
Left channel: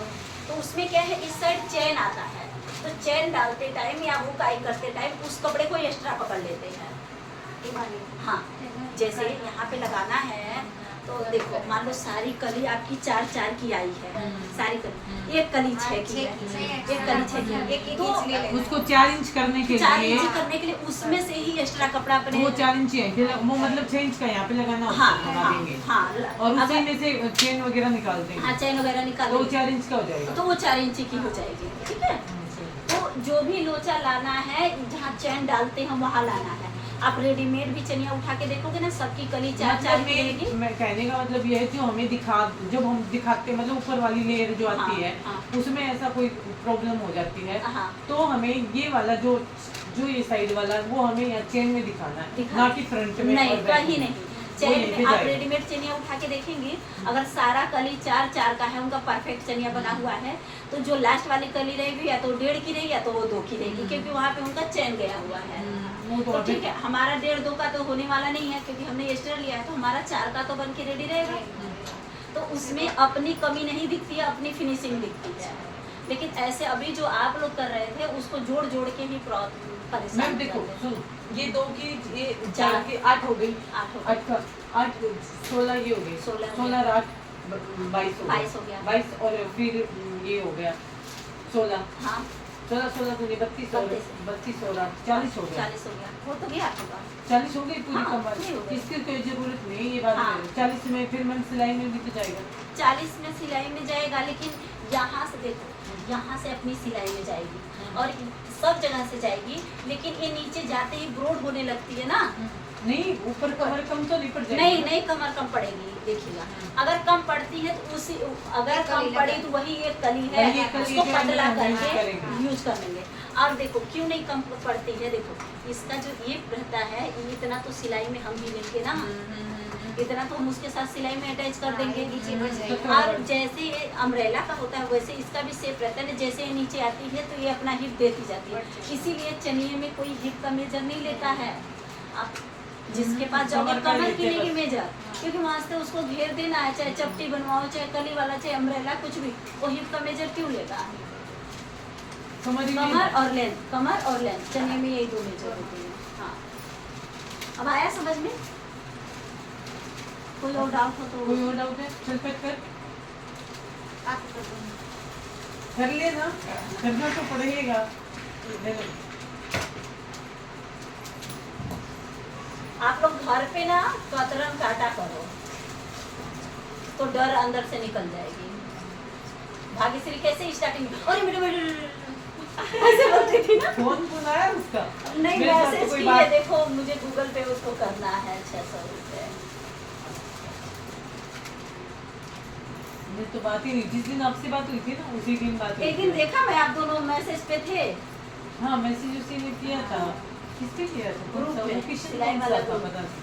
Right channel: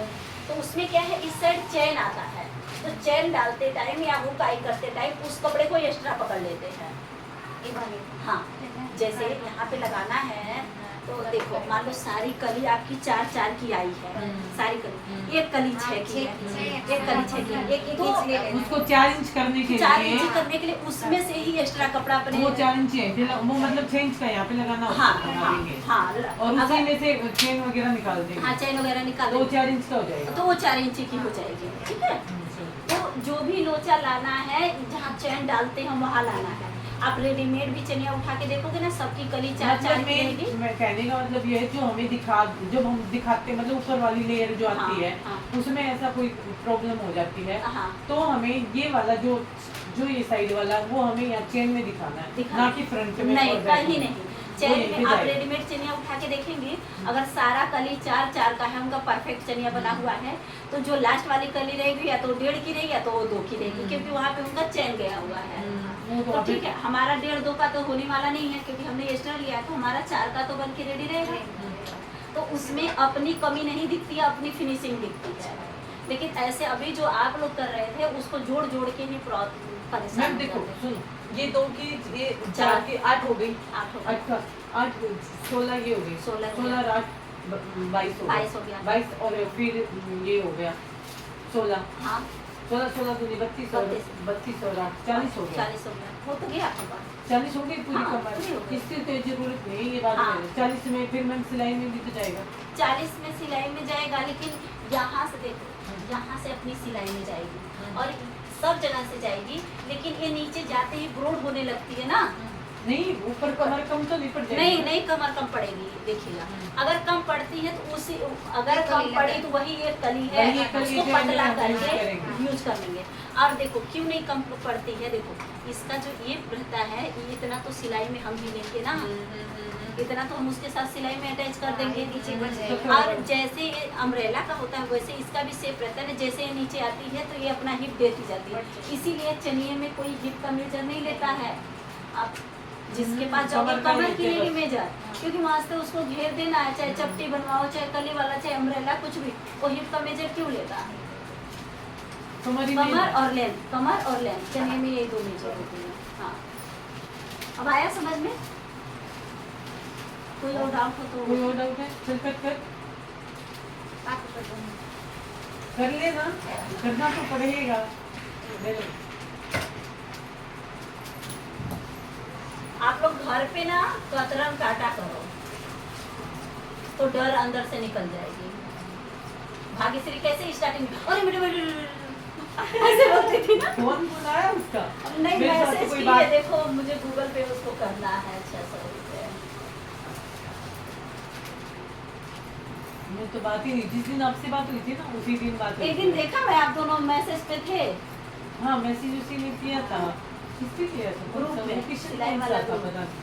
तो उसमें क्या है, इस साइड चैन आता है, तो चैन डालते टाइम या हुकाई करते टाइम उस कपड़े को एक्स्ट्रा पकड़ लेते हैं। हाँ, जैसे यहाँ पे लगाना है तो देखो, मान लो सारी कली आपकी 4 की आई है, सारी कली, एक कली 6 की है, एक कली 6 की है, एक तो इंच ले लेना। उसको 4 इंच करने के 4 लिए इंच करने के लिए उसमें से ही एक्स्ट्रा कपड़ा अपने वो 4 इंच है, फिर वो मतलब 6 इंच का यहाँ पे लगाना होता हाँ है, हाँ लगाएंगे। हाँ, और उसी अगर में से चेन वगैरह निकाल देंगे, हाँ चैन वगैरह निकाल तो वो लेंगे, 4 इंच का हो जाएगा। तो वो 4 इंच की हो जाएगी, ठीक है। तो जो भी लोचा लाना है, जहाँ चैन डालते हैं वहाँ लाना है। आप रेडीमेड भी चनिया उठा के देखोगे ना, सबकी कली 4 की रहेगी। मैं कहने का मतलब ये है, जो हमें जब हम दिखाते मतलब ऊपर वाली लेयर जो आती है, हाँ। उसमें ऐसा कोई प्रॉब्लम हो जाती है, हाँ। तो हमें ये वाला जो ये साइड वाला वो हमें यहाँ चेन में दिखाना है, ना कि फ्रंट में। नहीं, और बैक कहीं में। नहीं। वो चैन लेके में आप जाएगा। रेडीमेड चनिया उठा के देखेंगे, अगर सारा कली 4 का है, उनका परफेक्ट चनिया बना हुआ है, तो जो लास्ट वाली कली रहेगी या तो 1.5 की रहेगी या तो वो 2 की रहेगी, क्योंकि वहाँ पे उनका चैन गया हुआ है। वो तो ठीक है, हमारा 1.5-2 का तो होने वाला नहीं है, क्योंकि हमने एक्स्ट्रा लिया है, तो हमारा 4 का तो बन के रेडी रहेगा। तो उसमें अपनी कमी नहीं दिखती है, अपनी फिनिशिंग दिखती है। लेकिन ऐसे अभी जो आप लोग कर रहे थे, उसको जोड़ जोड़ के ही परेशान मैम हो देखो, जाते हैं। सुनो, ये 2 की, ये 4 की 8 हो गई, 8 हो गए। 8 का 8 16 ये हो गई, 16 16 8 22 22 हो गया। 22 और फिर ये हो गया 16 हाँ 16 दूनी 32 और 32 और 8 40 हो गया। 40 हो गया, वो तो गया आपका। 40 हो गई पूरी हाँ, कमर, पूरी हो गई। इसकी तो जरूरत नहीं, ये बात हाँ। है। 40 में फिर मैम सिलाई में भी तो जाएगा। 40 में सिलाई में जाएगा, लेकिन यहाँ से देखो, यहाँ से अपनी सिलाई में जाएगी और सब जगह से जाएगी, लेकिन ये नीचे जाते ही ब्रॉड होने लगती है ना। नहीं, ऊपर कमर कम तो नहीं पड़ जाएगी। नहीं नहीं, कमर कम पड़ेगी, देखिएगा। अगर कम पड़ती है तो उसी, अगर कम पड़ी तो वही एक कली है, वही एक कली उसको जो पतला हम यूज करके करेंगे। यूज कर लेंगे। और देखो क्यों नहीं कम पड़ती है, देखो इसका जो ये रहता है, ये इतना तो सिलाई में हम भी लेंगे ना, इतना तो हम उसके साथ सिलाई में अटैच कर देंगे नीचे। और जैसे अम्ब्रेला का होता है, वैसे इसका भी शेप रहता है ना, जैसे ये नीचे आती है तो ये अपना हिप देती जाती है, इसीलिए चनिए में कोई हिप का मेजर नहीं लेता है। आप जिसके पास जाओगे कमर का कमर की लेते लेंगे बस। मेजर, क्योंकि वहाँ से उसको घेर देना है, चाहे चपटी बनवाओ, चाहे कली वाला, चाहे अम्ब्रेला, कुछ भी, वो हिप का मेजर क्यों लेता है। समझ ही कमर नहीं। और लेंथ, कमर और लेंथ, चनिए में यही 2 मेजर होते हैं। हाँ, अब आया समझ में? कोई और डाउट हो तो कोई और डाउट है? चल कर आप कर दो। कर लेना, करना तो पड़ेगा। ले लो। आप लोग घर पे ना कतरन काटा करो, तो डर अंदर से निकल जाएगी। भाग्यश्री कैसे स्टार्टिंग में, अरे मेरे ऐसे बोलती थी ना। कौन आया उसका? नहीं, मेरे साथ तो मैसेज कोई की बात- है, देखो मुझे गूगल पे उसको करना है 600 रुपये। मैं तो बात ही हुई, जिस दिन आपसे बात हुई थी ना, उसी दिन बात हुई एक दिन थी। देखा मैं, आप दोनों मैसेज पे थे हाँ, मैसेज उसी ने किया था। किसने किया था? ग्रुप सब में, किसी सिलाई ने वाला था, ग्रुप। पता नहीं।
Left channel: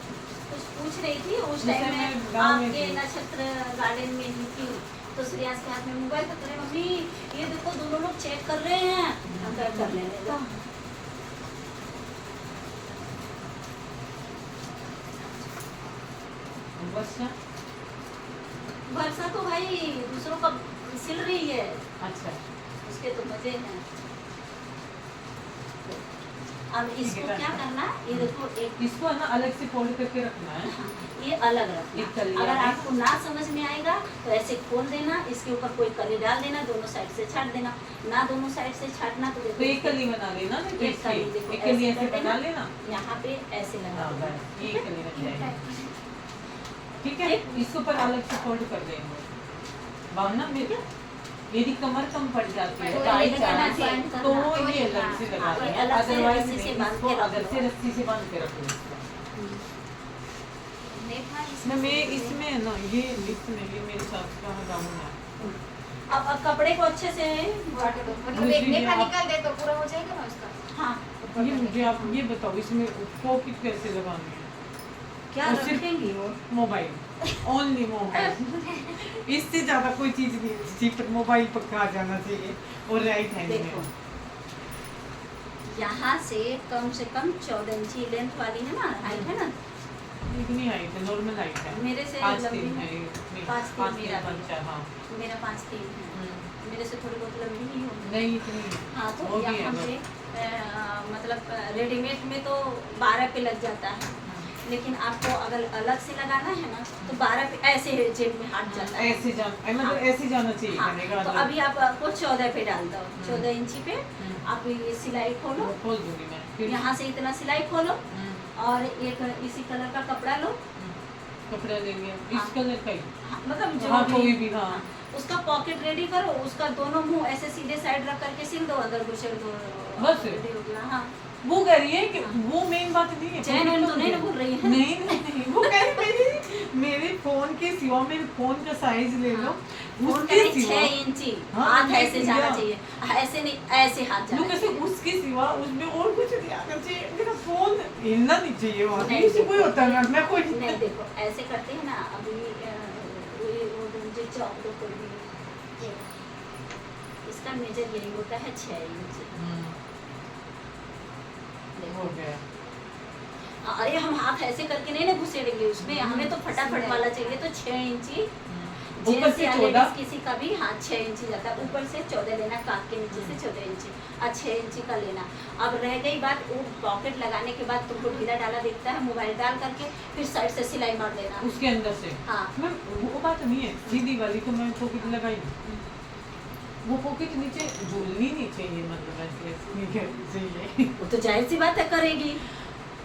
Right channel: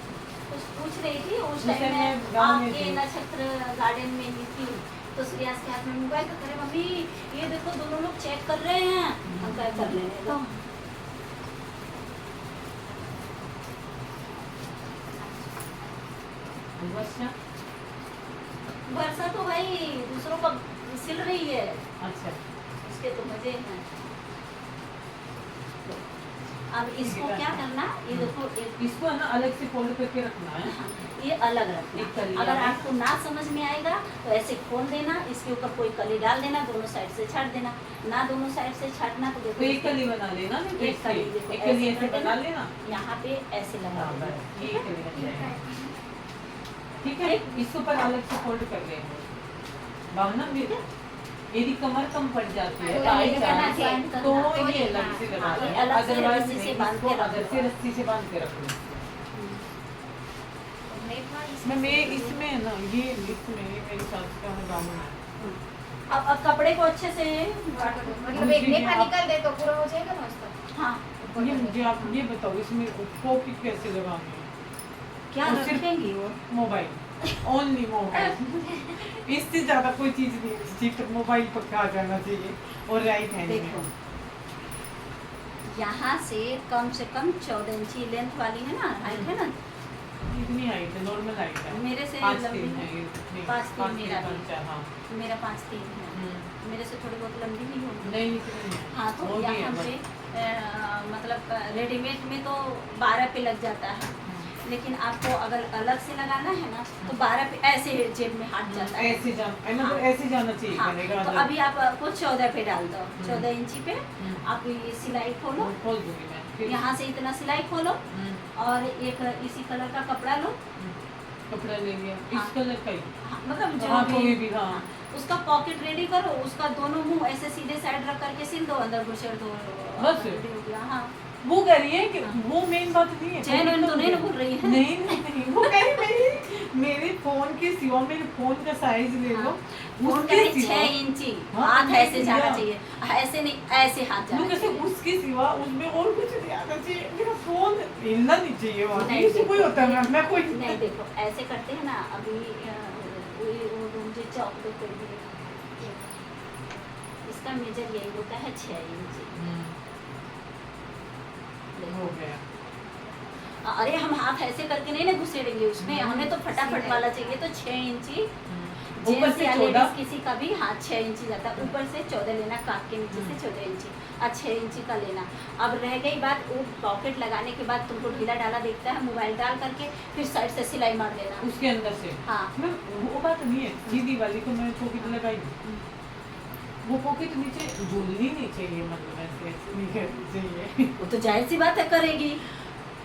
कुछ पूछ रही थी उस उस टाइम टाइम में, मैं गाँव में आपके थी। नक्षत्र गार्डन में ही थी, तो श्रेयास के हाथ में मोबाइल तो करे, मम्मी ये देखो दोनों लोग चेक कर रहे हैं। हम कहा कर लेने दो। अच्छा वर्षा तो भाई दूसरों का सिल रही है, अच्छा, उसके तो मजे हैं। अब इसको क्या करना, ये देखो एक इसको है ना अलग से फोल्ड करके रखना है। हाँ, ये अलग रखना। एक कली अगर है। आपको ना समझ में आएगा तो ऐसे खोल देना, इसके ऊपर कोई कली डाल देना, दोनों साइड से छाट देना। ना दोनों साइड से छाटना तो देखो तो एक कली बना लेना, देखो एक कली इसकी। देखो एक कली ऐसे ऐसे कर बना देना, लेना। यहाँ पे ऐसे लगा हाँ, देना। बस, ये कली रख लेना। ठीक है, इसके ऊपर अलग से फोल्ड कर देंगे। भावना मेरे यदि कमर कम पड़ जाती है तो बाई ये करना चांस, चाहिए, तो करना। ये अलग से लगा हाँ, ये देना, अलग से अदरवाइज रस्सी से बांध इसको के रख अलग दो। से रस्सी से बांध के रखो। मैं इसमें ना ये इसमें ये मेरी सास का गाउन है। अब कपड़े को अच्छे से मतलब एक नेफा निकल दे तो पूरा हो जाएगा ना उसका। हाँ ये मुझे आप ये बताओ इसमें पॉकेट कैसे लगानी है? क्या और सिर्फ रखेंगी वो मोबाइल, ओनली मोबाइल, इससे ज्यादा कोई चीज नहीं, सिर्फ मोबाइल पक्का आ जाना चाहिए और राइट हैंड देखो में। यहाँ से कम 14 इंची लेंथ वाली है ना, हाइट है ना, इतनी हाइट है, नॉर्मल हाइट है। मेरे से 5 लंबी तीन है, है, नहीं, 5 5 3 मेरा भी, 5 5 हाँ। मेरा 5'3" है, मेरे से थोड़ी बहुत लंबी नहीं होगी। नहीं इतनी नहीं। हाँ तो वो भी है यहाँ पे बस। मतलब रेडीमेड में तो 12 पे लग जाता है, लेकिन आपको अगर अलग से लगाना है ना तो 12 पे ऐसे जेब में हट जाता है। ऐसे मतलब हाँ। ऐसे जाना चाहिए हाँ, कनेगा तो अभी आप आपको 14 पे डाल दो, 14 इंची पे हम्म। आप ये सिलाई खोलो, खोल दूंगी मैं फिर। यहाँ से इतना सिलाई खोलो और एक इसी कलर का कपड़ा लो, कपड़ा ले लिया हाँ। इस कलर का ही। हाँ, मतलब जो हाँ, भी- कोई भी, हाँ। हाँ, उसका पॉकेट रेडी करो, उसका दोनों मुंह ऐसे सीधे साइड रख करके सिल दो, अंदर घुसेड़ दो, बस। रेडी हो गया। हाँ वो कह रही है कि हाँ। वो मेन बात नहीं है। चैन वैन तो नहीं ना बोल रही है। नहीं वो कह रही मेरे फोन के सिवा मेरे फोन का साइज ले लो, फोन उसके का नहीं, सिवा 6 इंची हाँ, हाथ मैं ऐसे जाना भैया। चाहिए, ऐसे नहीं, ऐसे हाथ वो जाना कैसे चाहिए। उसके सिवा उसमें और कुछ नहीं आना चाहिए, मेरा फोन हिलना नहीं चाहिए वहाँ नहीं, से कोई होता है मैं कोई नहीं देखो ऐसे करते हैं ना, अभी वो मुझे चौक दो कर दिए, इसका मेजर यही होता है 6 इंची। हो गया। अरे हम हाथ ऐसे करके नहीं ना घुसेड़ेंगे उसमें, हमें तो फटाफट वाला चाहिए, तो 6 इंची ऊपर जेंट्स से या 14 लेडीज किसी का भी हाथ 6 इंची जाता है, ऊपर से 14 लेना, काफ के नीचे से 14 इंची और 6 इंची का लेना। अब रह गई बात, वो पॉकेट लगाने के बाद तुमको ढीला डाला दिखता है, मोबाइल डाल करके फिर साइड से सिलाई मार देना। उसके अंदर से हाँ मैं वो बात नहीं है, सीधी वाली को मैं पॉकेट लगाई, वो पॉकेट नीचे झूलनी नहीं चाहिए, मतलब ऐसे नहीं करनी चाहिए। वो तो जाहिर सी बात है करेगी,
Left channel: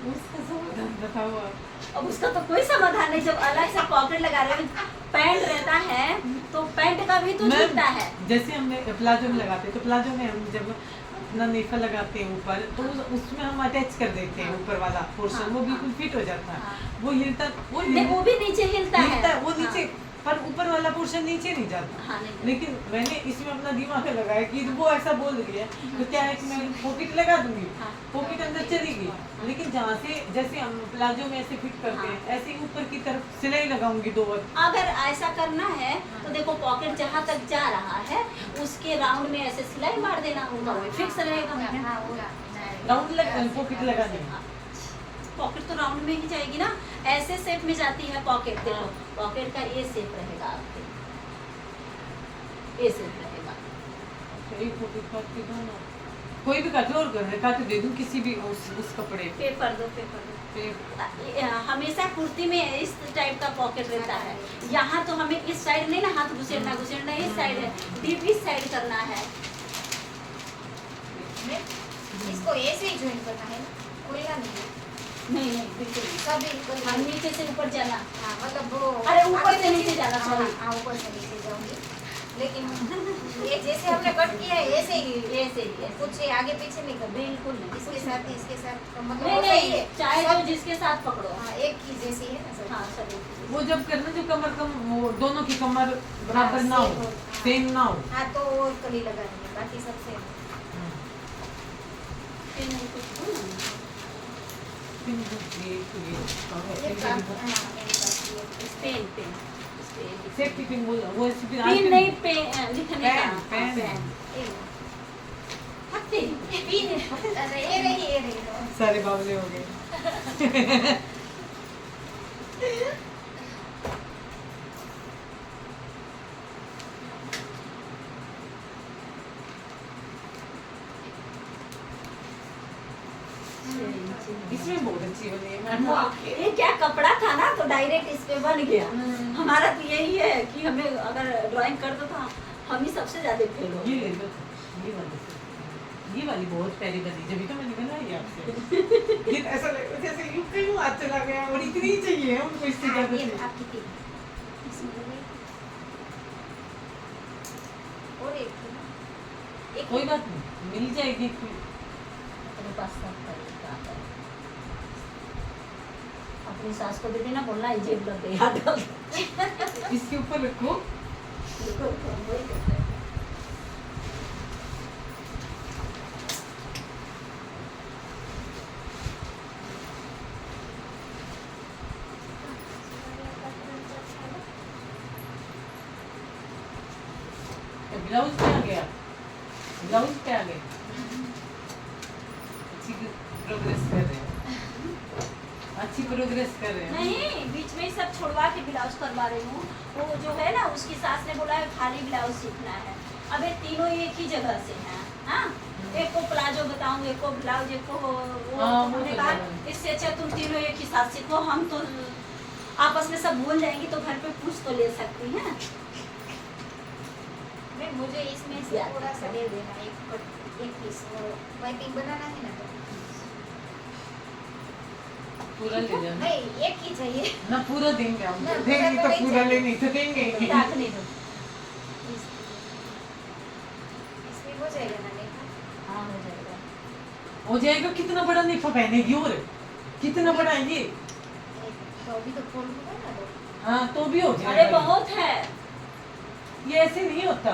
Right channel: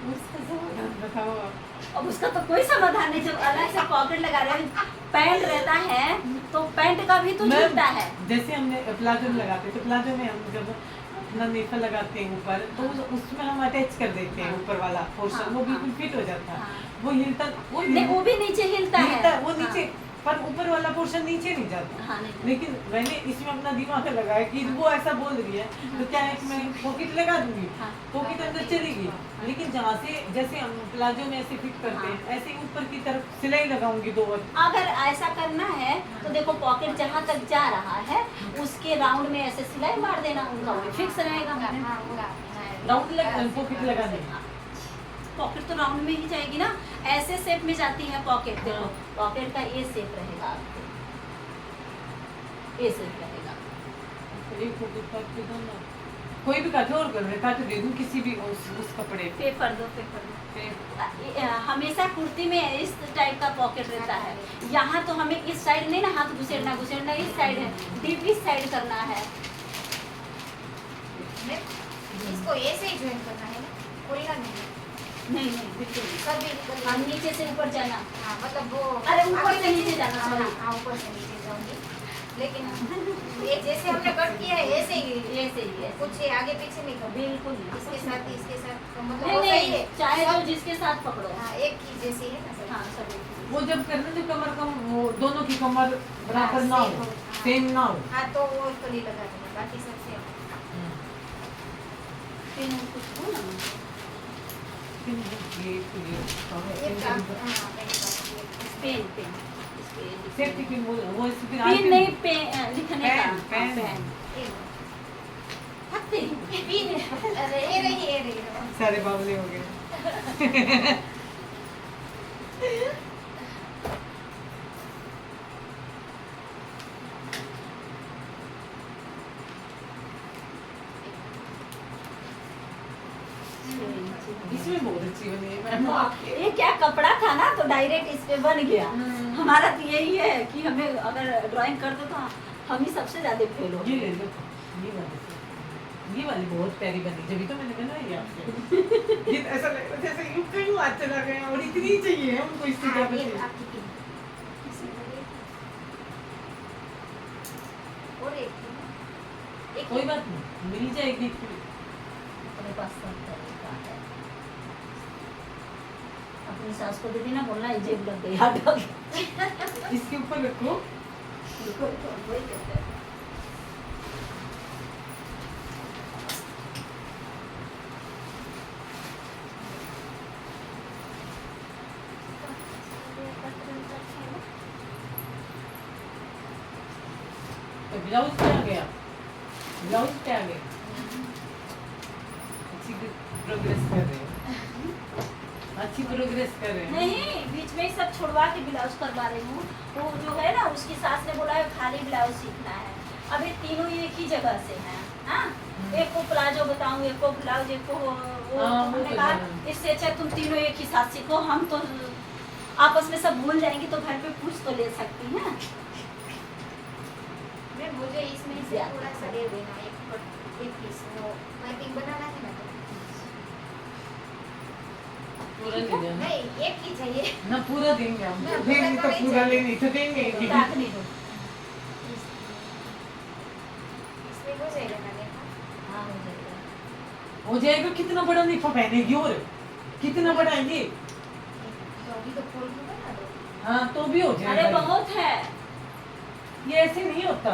उसका समाधान बताओ आप। अब उसका तो कोई समाधान नहीं। जब अलग से पॉकेट लगा रहे हैं, पैंट रहता है तो पैंट का भी तो मैं- झूलता है। जैसे हमने प्लाजो में लगाते हैं, तो प्लाजो में हम जब अपना नेफा लगाते हैं ऊपर, तो उसमें हम अटैच कर देते हैं ऊपर वाला पोर्शन, हाँ, वो हाँ। बिल्कुल फिट हो जाता है। हाँ। वो हिलता नहीं वो भी नीचे हिलता है, वो हाँ। नीचे, पर ऊपर वाला पोर्शन नीचे नहीं जाता। हाँ नहीं लेकिन मैंने इसमें अपना दिमाग लगाया कि वो ऐसा बोल रही है तो क्या है कि मैं पॉकेट लगा दूंगी, हाँ। पॉकेट अंदर चलेगी, लेकिन जहाँ से जैसे हम प्लाजो में ऐसे फिट करते हैं, हाँ। ऐसे ही ऊपर की तरफ सिलाई लगाऊंगी 2 बार। अगर ऐसा करना है तो देखो पॉकेट जहाँ तक जा रहा है उसके राउंड में ऐसे सिलाई मार देना, उनका वेट फिक्स रहेगा। हाँ होगा। राउंड पॉकेट लगा देंगे। पॉकेट तो राउंड में ही जाएगी ना, ऐसे शेप में जाती है पॉकेट। देखो पॉकेट का ये शेप रहेगा आपके, ये शेप रहेगा। अच्छा, एक पॉकेट काट के दो ना, कोई भी काटो और कर काट दे दूं किसी भी उस कपड़े पे कर दो, पे कर दो। हमेशा कुर्ती में इस टाइप का पॉकेट रहता है, यहाँ तो हमें इस साइड नहीं ना हाथ घुसेड़ना, घुसेड़ना इस साइड है, डीप इस साइड करना है। इसको ऐसे ही ज्वाइन करना है ना, खुलना नहीं है। नहीं नहीं बिल्कुल नहीं। सभी और नीचे से ऊपर जाना, हाँ मतलब वो अरे ऊपर आगे से नीचे जाना, हाँ, sorry। हाँ ऊपर से नीचे जाऊंगी, लेकिन ये जैसे हमने कट किया है ऐसे ही ऐसे ही है, कुछ आगे पीछे नहीं करना। बिल्कुल नहीं। इसके साथ ही इसके साथ तो मतलब नहीं वो सही नहीं, है। चाहे सब- तो जिसके साथ पकड़ो। हाँ एक ही जैसी है ना सब। हाँ सब एक ही। वो जब करना जो कमर कम, वो दोनों की कमर बराबर हाँ, ना same हो, हो, हाँ। सेम ना हो। हाँ तो वो कली लगा देंगे, बाकी सब सेम। फिर नहीं कुछ हो ना। ये ये काम हाँ मेरे पास ये पेन पेन इस पे सेफ्टी पिन वो इस पे पेन नहीं, पेन लिखने का। पेन, हाँ, पेन। ये हत्ते अरे ये रही सारे बावले हो गए। इसमें बहुत अच्छी बनी है मैम आपके। ये क्या कपड़ा था ना, तो डायरेक्ट इस पे बन गया। हमारा तो यही है कि हमें अगर ड्राइंग कर दो तो हम ही सबसे ज्यादा फेल हो। ये ले लो, ये वाली बहुत प्यारी बनी, जब तो मैंने बनाई आपसे। ये ऐसा लग रहा जैसे यूं कहीं हाथ चला गया, और इतनी चाहिए हमको इससे हाँ, क्या ये बचे। आपकी पिन। इसमें लगे। और और एक थी ना, एक कोई बात नहीं, मिल जाएगी। अपने पास सब तरीका है। अपनी सास को भी देना, बोलना ये जेब लग गई हाथ लग गई। इसके ऊपर रखो। तो ब्लाउज पे आ गया, ब्लाउज पे आ गए। अच्छी प्रोग्रेस कर रहे हैं, अच्छी प्रोग्रेस कर रहे हैं। नहीं, बीच में ही सब छुड़वा के ब्लाउज करवा रही हूँ। वो जो है ना, उसकी सास ने बोला है खाली ब्लाउज सीखना है। अब ये तीनों एक ही जगह से हैं, हाँ। एक को प्लाजो बताऊँ, एक को ब्लाउज, एक को वो हाँ, वो उन्होंने तो कहा, है। इससे अच्छा तुम तीनों एक ही साथ सीखो, हम तो आपस में सब भूल जाएंगी, तो घर पे पूछ तो ले सकती हैं। मैं मुझे इसमें से थोड़ा सा दे देना, एक पीस वो पाइपिंग बनाना है ना, तो पूरा ले जाना। नहीं एक ही चाहिए। ना पूरा देंगे हम, ना, पूरा देंगे तो तो नहीं पूरा चाहिए। लेंगे तो देंगे। ताक नहीं दो। इसमें हो जाएगा ना देखा। हाँ, हो जाएगा। हो जाएगा। कितना बड़ा निफा पहनेगी और कितना बड़ा है ये? तो अभी तो खोल दूंगा ना, तो हाँ तो भी हो अरे जाएगा। बहुत है। ये ऐसे नहीं होता,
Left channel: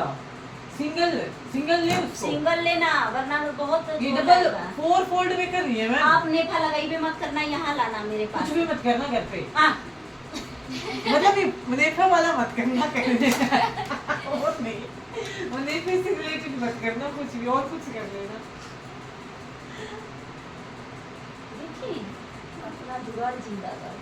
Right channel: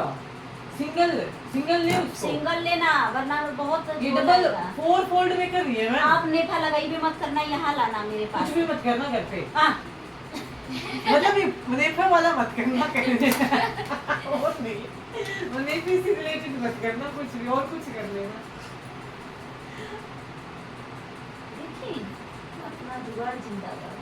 सिंगल सिंगल ले उसको। सिंगल लेना, वरना बहुत ये हो डबल जाएगा। 4 फोल्ड में कर रही है मैं। आप नेफा लगाई भी मत करना, यहाँ लाना मेरे पास। कुछ भी मत करना घर पे, हाँ, मतलब ये मुनेफा वाला मत करना कहने का। और नहीं, मुनेफे से रिलेटेड मत करना, कुछ भी और कुछ कर लेना। देखिए अपना जुगाड़ जिंदाबाद।